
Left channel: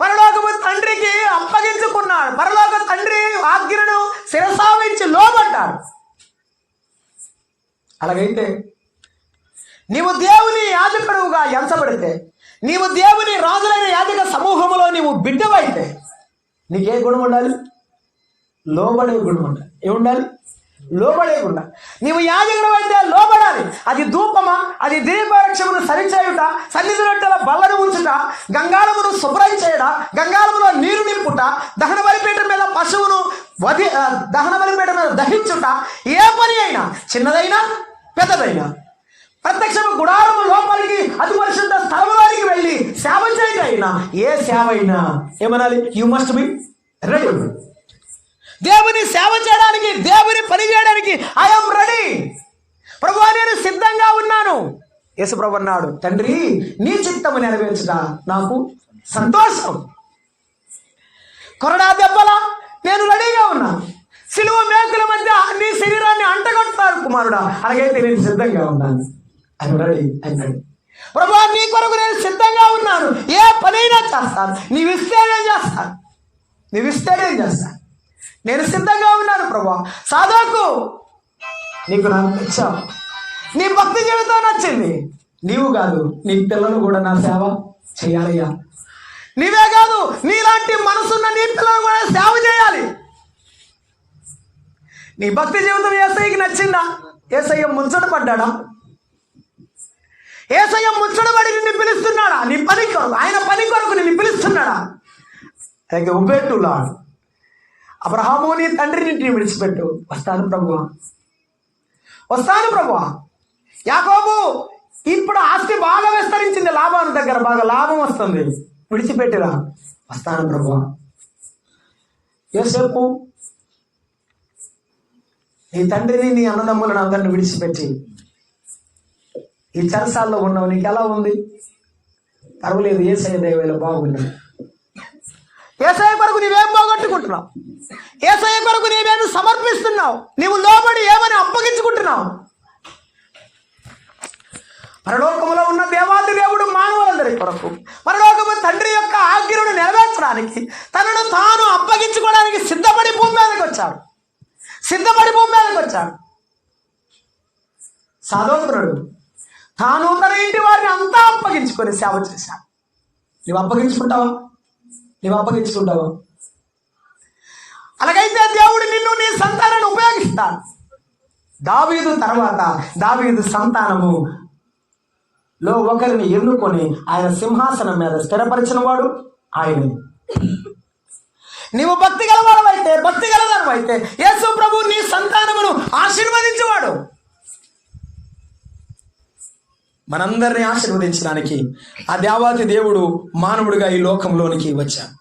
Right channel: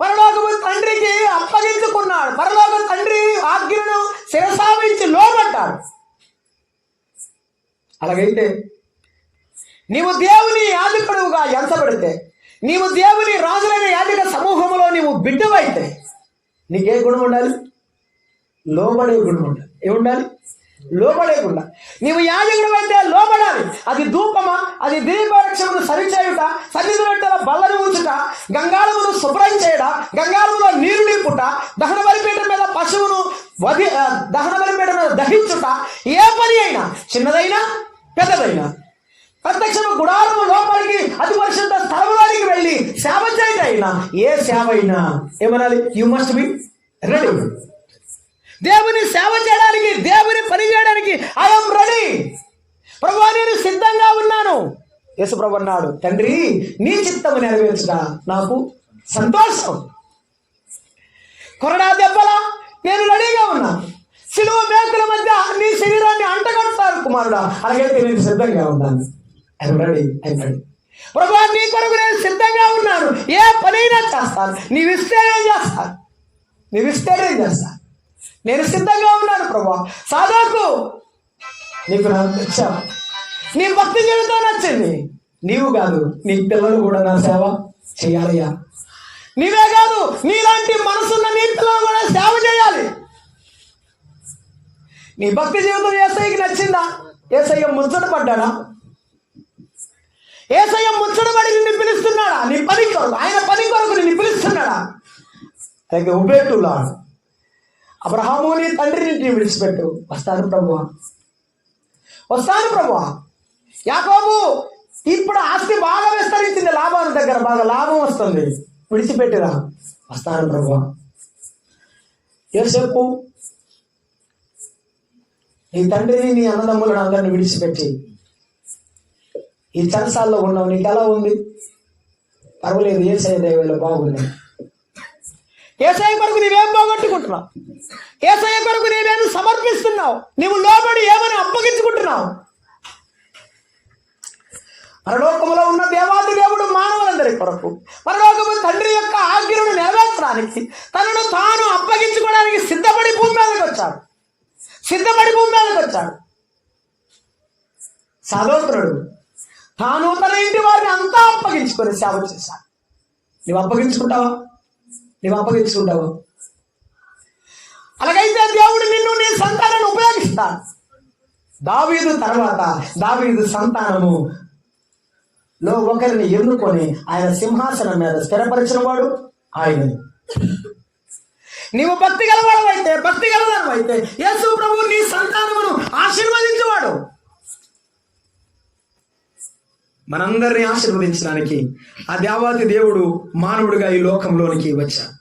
పరలోకము తండ్రికి అప్పగించుకున్నాడు. పరలోక తండ్రి ఆజ్ఞను శిరసావించి లోబడ్డాడు. అలాగైతే నీవు దేవుని యాజకుడుగా ఎంచబడితే, నీవు దేవుని రాజులైన యాజక సమూహంలో నీవు బిడ్డవైతే నీకే గుణం ఉండాలి? లోబడే గుణం ఉండాలి. ఏముండాలి? లోబడే గుణం. నీవు యాజకుడు అయితే లోబడాలి. అది ధూపమా, అది దీపవృక్షమును సరిచేయుట, సన్నిధిలో బల్లను ఉంచుట, గంగాళమును శుభ్రం చేయట, గంగాళములో నీరు నింపుట, దహన బలిపీఠం మీద పశువును దహన బలిపీఠం మీద దహించుట, ఏ పని అయినా చిన్నదైనా పెద్దదైనా, ప్రత్యక్ష గుడారము లోపలికి అతి పరిశుద్ధ స్థలంలోనికి వెళ్ళి సేవ చేయటైనా, ఏ సేవ అయినా ఏమనాలి? You must be ready. దేవుని సేవ చేయడానికి, దేవుని పని చేయడానికి ఐఎమ్ రెడీ. ప్రభువా నేను సిద్ధంగా ఉన్నాను. యేసు ప్రభు అన్నాడు, తండ్రి నీ చిత్తము నెరవేర్చుట నాకు సంతోషం. కొరడా దెబ్బల నేను రెడీగా ఉన్నాను. సిలువ మేకుల మధ్య నీ శరీరాన్ని అంటగొడతారు కుమారుడా, అలాగైతే నేను సిద్ధంగా ఉన్నాను. ఆయన రెడీ అయినాడు. ప్రభువా నీ కొరకు నేను సిద్ధంగా ఉన్నాను. ఏ పనైనా చేస్తాను. చేస్తాను, నీవిస్తేనేం చేస్తాను, నీవిస్తేనేం చేస్తాను. నేను సిద్ధంగా ఉన్నాను ప్రభా. సాధోకు నీకు నాకు నచ్చావు, నీ భక్తి జీవితం నచ్చింది. నీవు కాదు, నీ పిల్లలు కూడా నా సేవ చేయాలయ్యా. నీవే కాదు, నీలాంటి మనసున్న నీ పిల్లలు కూడా సేవ చేయాలి. నీ భక్తి జీవితం యేసయ్యకి నచ్చిందా? యేసయ్య ముచ్చట పడ్డాడా? యేసయ్య ముచ్చటపడి నిన్ను పిలుస్తున్నాడా? నీ పని కొరకు, ఆయన పని కొరకు నిన్ను పిలుస్తున్నాడా? ఉబేటులాడు అబ్రహాము నీ తండ్రిని విడిచిపెట్టు. వస్తాను ప్రభువా, వస్తాను ప్రభువా. యాకోబు ఇప్పుడు ఆస్తి బాగా విస్తరించింది, లాభాల దగ్గర బాగా లాభం వస్తుంది, విడిచిపెట్టిరా. వస్తాను ప్రభువా. యోసేపు నీ తండ్రిని నీ అన్నదమ్ములను అందరిని విడిచిపెట్టి ఈ చెరసాల్లో ఉన్నావు. నీకు ఎలా ఉంది? పర్వాలేదు, యేసయ్య దయవల్ల బాగున్నావు. యేసయ్య కొరకు నీవేం పోగొట్టుకుంటున్నావు? యేసయ్య కొరకు నీవేమి సమర్పిస్తున్నావు? నీవు లోబడి ఏమని అప్పగించుకుంటున్నావు? పరలోకములో ఉన్న దేవాది దేవుడు మానవులందరి కొరకు, పరలోకము తండ్రి యొక్క ఆజ్ఞను నెరవేర్చడానికి తనను తాను అప్పగించుకోవడానికి సిద్ధపడి భూమి మీదకి వచ్చాడు. సాధోకునుడు తాను తన ఇంటి వారిని అంతా అప్పగించుకొని సేవ చేశాడు. నువ్వు అప్పగించుకుంటావా? అలాగైతే దేవుడు నిన్ను నీ సంతానాన్ని ఉపయోగిస్తాడు. దావీదు తర్వాత దావీదు సంతానము లో ఒకరిని ఎన్నుకొని ఆయన సింహాసనం మీద స్థిరపరిచిన వాడు ఆయనని. నీవు భక్తి గలవాడవైతే, భక్తి గలదానమైతే యేసు ప్రభు నీ సంతానమును ఆశీర్వదించేవాడు. మనందరినీ ఆశీర్వదించడానికి ఆ దేవాతి దేవుడు మానవుడిగా ఈ లోకంలోనికి వచ్చాడు.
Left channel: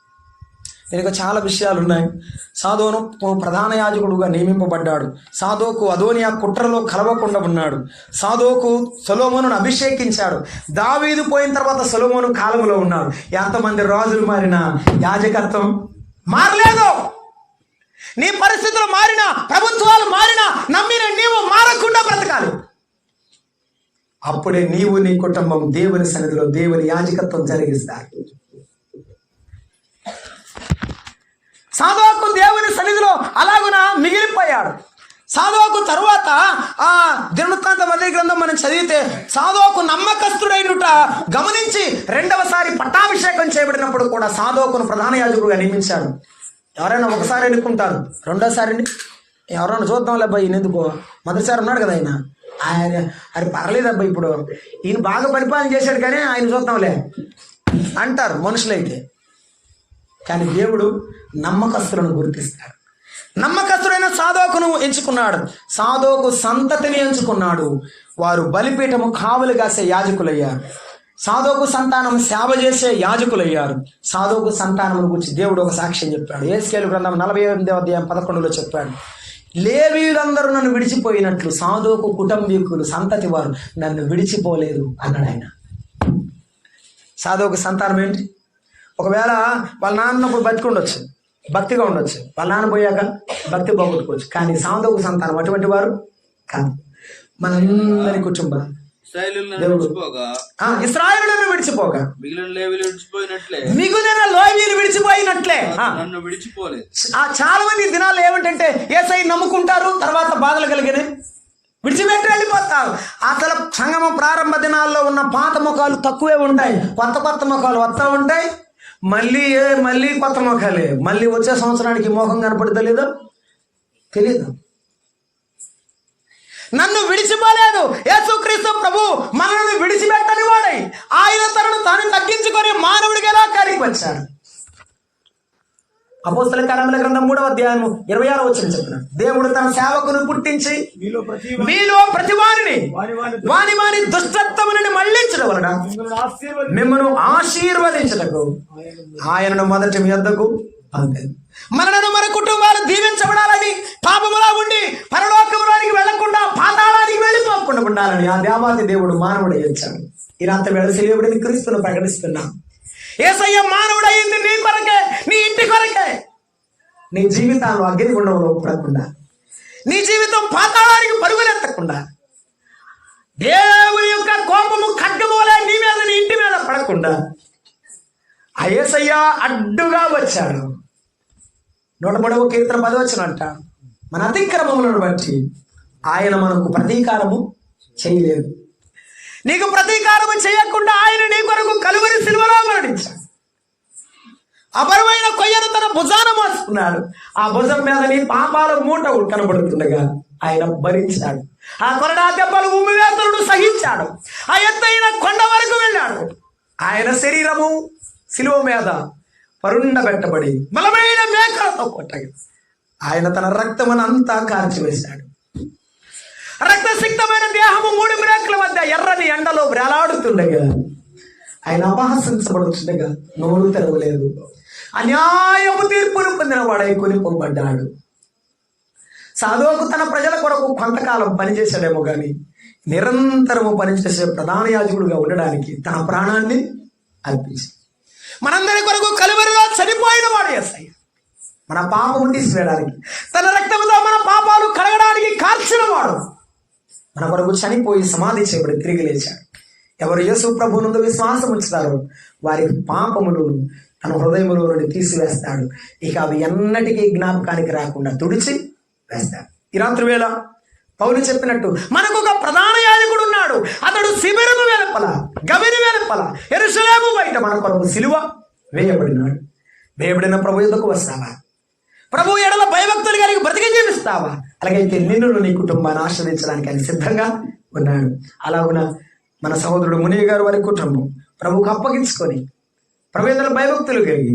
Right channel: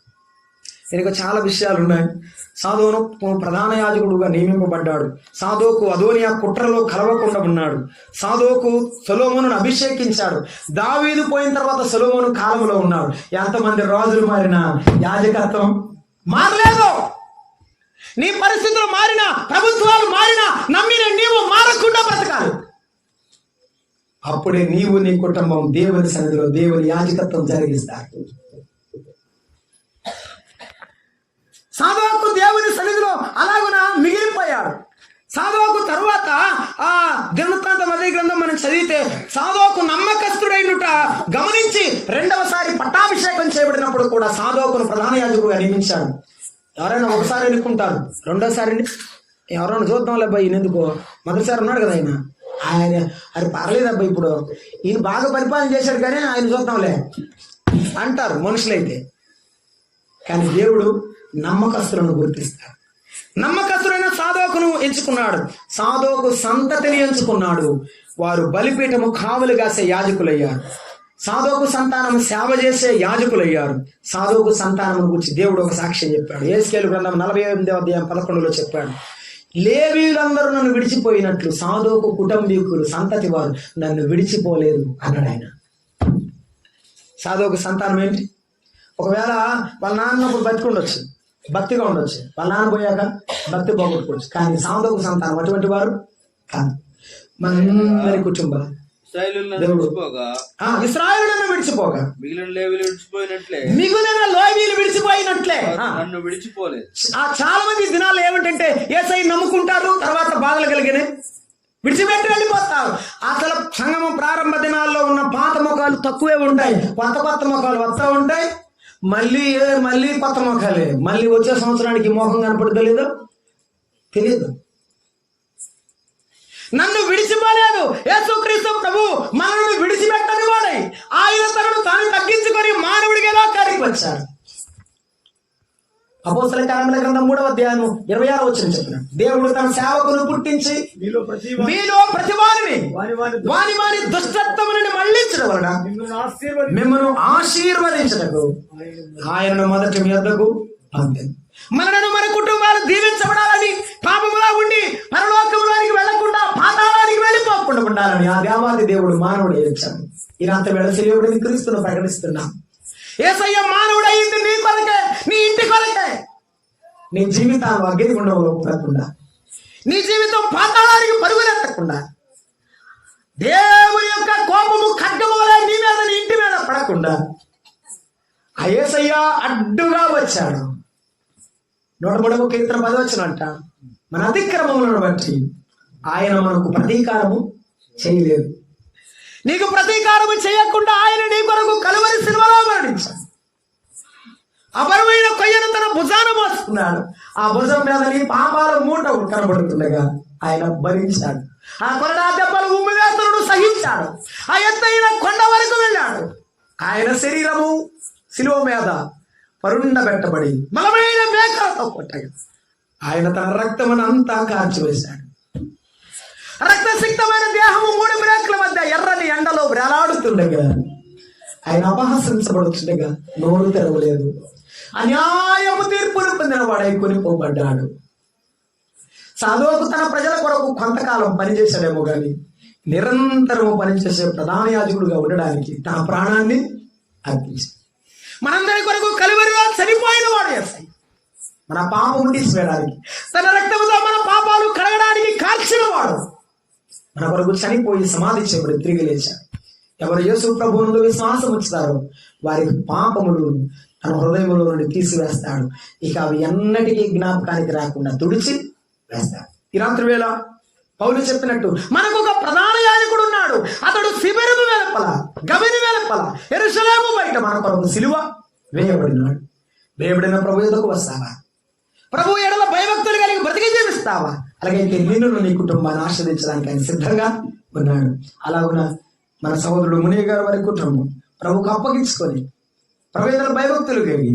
దీనికి చాలా విషయాలు ఉన్నాయి. సాదోను ప్రధాన యాజకుడుగా నియమింపబడ్డాడు. సాదోకు అదోనియా కుట్రలో కలవకుండా ఉన్నాడు. సాదోకు సొలొమోనును అభిషేకించాడు. దావీదు పోయిన తర్వాత సొలొమోను కాలంలో ఉన్నాడు. ఎంతమంది రాజులు మారినా యాజకత్వం మారలేదు. నీ పరిస్థితులు మారినా, ప్రభుత్వాలు మారినా, నమ్మిన నీవు మారకుండా బ్రతకాలి. అప్పుడే నీవు నీ కుటుంబం దేవుని సన్నిధిలో దేవుని యాజకత్వం జరిగిస్తారు. సాదోకు దేవుని సన్నిధిలో అలాగున మిగిలిపోయాడు. సాదోకు తరువాత ఆ దినవృత్తాంత మొదటి గ్రంథం మనం చదివితే సాదోకు నమ్మకస్తుడైనట గమనించి రెండవసారి పట్టాభిషేకం చేయబడినప్పుడు కూడా సాదోకును ప్రధాన యాజకుడుగా నియమించాడు. ఎవరైనా ఒకసారి ఎన్నుకుంటారు, రెండోసారి ఎవరైనా చూద్దాంలే అబ్బాయి, ఈయన ఎందుకో మొదటిసారి ఉన్నాడు కదా ఆయన అది పర్లేదు అబ్బాయి, ఇప్పుడు ఈయన బాగా పరిపాలన చేశాడు కానీ ఆయన చూద్దాంలే అంటారు మనుషులైతే. కానీ దేవుడు నమ్మకస్తులను గుర్తిస్తాడు. నమ్మకస్తుడైన సాదోకును ఎంచుకున్నాడు. సాదోకు సంతతిని ఎంచుకున్నాడు. వారు బలిపీఠము కావలి కాసే యాజకులయ్యారు. సాదోకు సంతానం సేవ చేసే యాజకులయ్యారు. సాదోకు సంతానం గురించి దేవుడు ఒక సాక్ష్యం చెప్పాడు. యెహెజ్కేలు గ్రంథం 48వ అధ్యాయం 11లో చెప్పాడు, లేవీయులందరూ నన్ను విడిచిపోయినట్లు సాదోకు కుటుంబీకులు సంతతి వారు నన్ను విడిచిపోలేదు అన్నాడు ఆయన. సాదోకు సంతానం ఏంటి? ఒకవేళ వాళ్ళ నాన్నప్పుడు బతికుండొచ్చు, భక్తిగా ఉండొచ్చు, వాళ్ళ నాన్న పోయాక భక్తి పోగొట్టుకోవచ్చు. కానీ సాదోకు సంతానం అటువంటి వారు కాదు. మనందరి కుటుంబ ఇశ్రాయేలును విడిచిపోగా మిగిలిన లేవీయులు విడిచిపోయినట్లే నన్ను విడిచిపోలేదు. చాలా మంది దినాల్లో ఏమిటంటే యేసయ్య నమ్ముకుంటారు, తర్వాత బాధలు కలిగినాయి, విడిచిపెట్టి వెళ్ళిపోతారు. అసలు సంగమం ప్రారంభ దినాల్లో ఉన్న పాత ముఖాలు తక్కువే ఉంటాయి, కొత్త ముఖాలు వస్తూ ఉంటాయి. మళ్ళీ కొత్త ముఖాలే. మళ్ళీ వచ్చే సంవత్సరానికి మోహం కనపడుతుందో లేదో తెలియదు. నన్ను విడిచిపోలేదు. యేసుక్రీస్తు ప్రభు మనల్ని విడిచిపెట్టని వాడై ఆయన తనను తాను తగ్గించుకొని మానవుడిగా లోకానికి వచ్చాడు. అపోస్తల కార్యముల గ్రంథం 3వ అధ్యాయం 26వ వచనం చెప్తున్నాడు, దేవుడు తన సేవకును పుట్టించి మీలో ప్రతి వారిని వాని దుష్టత్వము నుండి మళ్లించడం వలన మిమ్మల్ని ఆశీర్వదించటకు ఆయనను మొదటి మీ వద్దకు పంపాను. మనలను మన కుటుంబాలు దీవించబడాలని, పాపములా ఉండి పరలోకంలోనికి వెళ్లకుండా పాతాళానికి వెళ్ళిపోకుండా ఉండాలని ఆ దేవాది దేవుడు మానవుడు ఇచ్చాడు. ఈ రాత్రి వేళ సిలువబడిన క్రీస్తును ప్రకటిస్తున్నా. యేసయ్య మానవుడు అయింది నీ కొరకే, నీ ఇంటి కొరకే. నీ జీవితాన్ని అగ్నిగుండంలో పడకుండా, నీ జీవితం పాతాళానికి పరుగులెత్తకుండా, దేవుని యొక్క కోపము ఖడ్గమోలే నీ మీద నీ ఇంటి మీద పడకుండా ఆ యేసయ్య అడ్డుగా వచ్చాడు. 103వ కీర్తన 10వ అంట, మన అతిక్రమములను బట్టి ఆయన మనకు ప్రతీకారము చేయలేదు. నీకు ప్రతీకారము చేయకుండా ఆయన నీ కొరకు కలువరి సిలువలో మరణించాడు. అపరమైన కొయ్యను తన భుజాన మోసుకున్నాడు. ఆ భుజం మీద నీ పాపాల మూట కనబడుతుండగా ఆయన భరించాడు. ఆ కొరడా దెబ్బలు ఉమ్మివేతనుడు సహించాడు. ఆ ఎత్తైన కొండ వరకు వెళ్ళాడు. ఆయన శరీరము శిలువ మీద పరుండబెట్టబడి బలమైన మేకలతో కొట్టగా ఆయన తన రక్తమును అంతా కార్చివేశాడు. రక్తసిక్తమైన దేహము 3 మేకల మధ్య ఎర్రని ఎండలో వేలాడుతుండగా ఆయన అపహసించబడుతుండగా నోరు తెరవలేదు. అన్యాయపు తీర్పును పొందిన వాడై కొనిపోబడ్డాడు. సాధువుకు తన ప్రజల కొరకు కొంతకాలం పనిచేశాడేమో కానీ నిరంతరము పనిచేసే ప్రధాన యాజకుడుగా ఉండడానికి తన ప్రాణాన్ని అర్పించాడు. మనందరి కొరకు కలువరిలో చనిపోయిన వాడు యేసయ్య. మన పాపం తీసివేయడానికి, తన రక్తముతో మన పాపాలు కడగడానికి కార్చిన వాడు మన కొరకు చనిపోయి సమాధి చేయబడి తిరిగి లేచాడు. ఎవరు యేసు ప్రభువునందు విశ్వాసం ఉంచుతారో వారికి పాపములు తన హృదయములో నుండి తీసివేస్తాడు. ఇక అవి ఎన్నటికీ జ్ఞాపకానికి రాకుండా తుడిచి వేస్తాడు. ఈ రాత్రి వేళ పౌలు చెప్పినట్టు మనకు ఒక ప్రధాన యాజకుడు ఉన్నాడు. అతడు శిబిరము వెలుపల, గవిని వెలుపల, యెరూషలేము బయట మన కొరకు సిలువ వేయబడినాడు. వేయబడిన ప్రభు ఎదుకు వస్తావా? ప్రభు ఎడల భయభక్తులు కలిగి బ్రతికి జీవిస్తావా? అలాగైతే నిన్ను నీ కుటుంబాన్ని ఆశ్రదించడానికి ఆయన సిద్ధంగా ఉన్నాడు. అలాగున మన సహోదరుడు మునియ గారు వారి కుటుంబం ప్రభుకు అప్పగించుకొని ప్రభు ఎడల భయభక్తులు కలిగి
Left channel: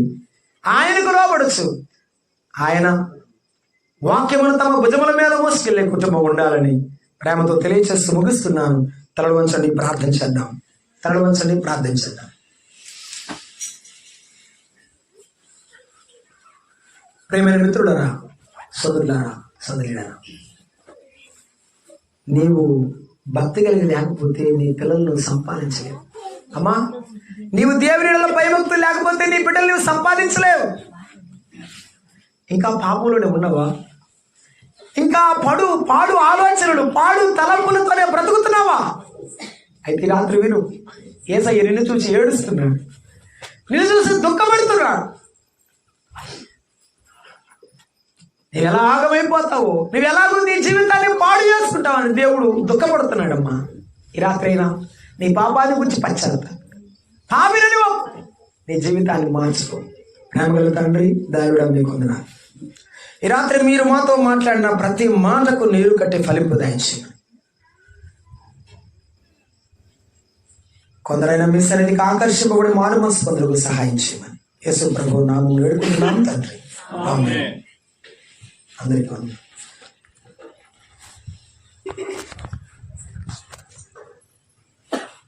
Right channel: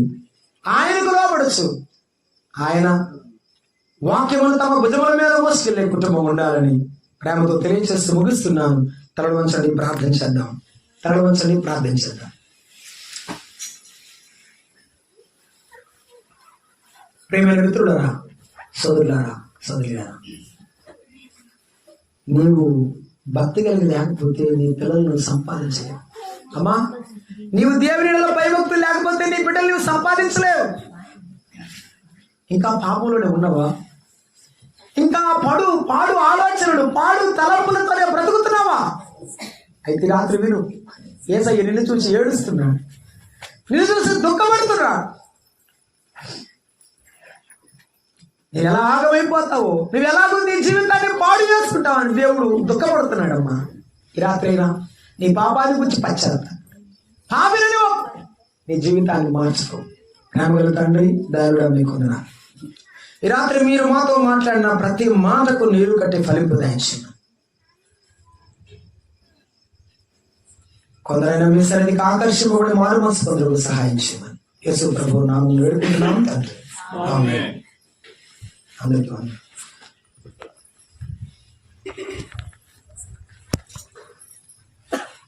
ఆయనకు లోబడచ్చు. ఆయన వాక్యమును తమ భుజముల మీద మోసుకెళ్లే కుటుంబం ఉండాలని ప్రేమతో తెలియచేస్తూ ముగిస్తున్నాను. తలలు వంచండి, ప్రార్థించేద్దాం. తలలు వంచండి, ప్రార్థించేద్దాం. ప్రేమైన మిత్రులరా, సోదరులారా, సోదరులారా, నీవు భక్తి కలిగి లేకపోతే నీ పిల్లలను సంపాదించలేవు. అమ్మా, నీవు దేవుని భయభక్తులు లేకపోతే నీ బిడ్డలు నువ్వు సంపాదించలేవు. ఇంకా పాపంలోనే ఉన్నవా? ఇంకా పాడు ఆలోచనలు, పాడు తలంపులతోనే బ్రతుకుతున్నావా? అయితే రాత్రి విను, యేసయ్య నిన్ను చూసి ఏడుస్తున్నాడు, నిన్ను చూసి దుఃఖపడుతున్నాడు. నువ్వు ఎలాగమైపోతావో, నువ్వు ఎలాగో నీ జీవితాన్ని పాడు చేసుకుంటావు అని దేవుడు దుఃఖపడుతున్నాడమ్మా. ఈ రాత్రి అయినా నీ పాపాన్ని గురించి పశ్చాత్తాపం, పాపిని నీ జీవితాన్ని మార్చుకో. ప్రేమగల తండ్రి, దయవుడా మీకు వందనాలు. ఈ రాత్రి మీరు మాతో మాట్లాడిన ప్రతి మాటకు నీరు కట్టి ఫలింపు దయచేయండి. కొందరైనా మీ సన్నిధికి ఆకర్షింపబడి మారు మనసు కొందరికి సహాయం చేయమని యేసు ప్రభువు నామములో వేడుకుంటున్నాం తండ్రి. ఆమేన్. అందరికీ వందనాలు.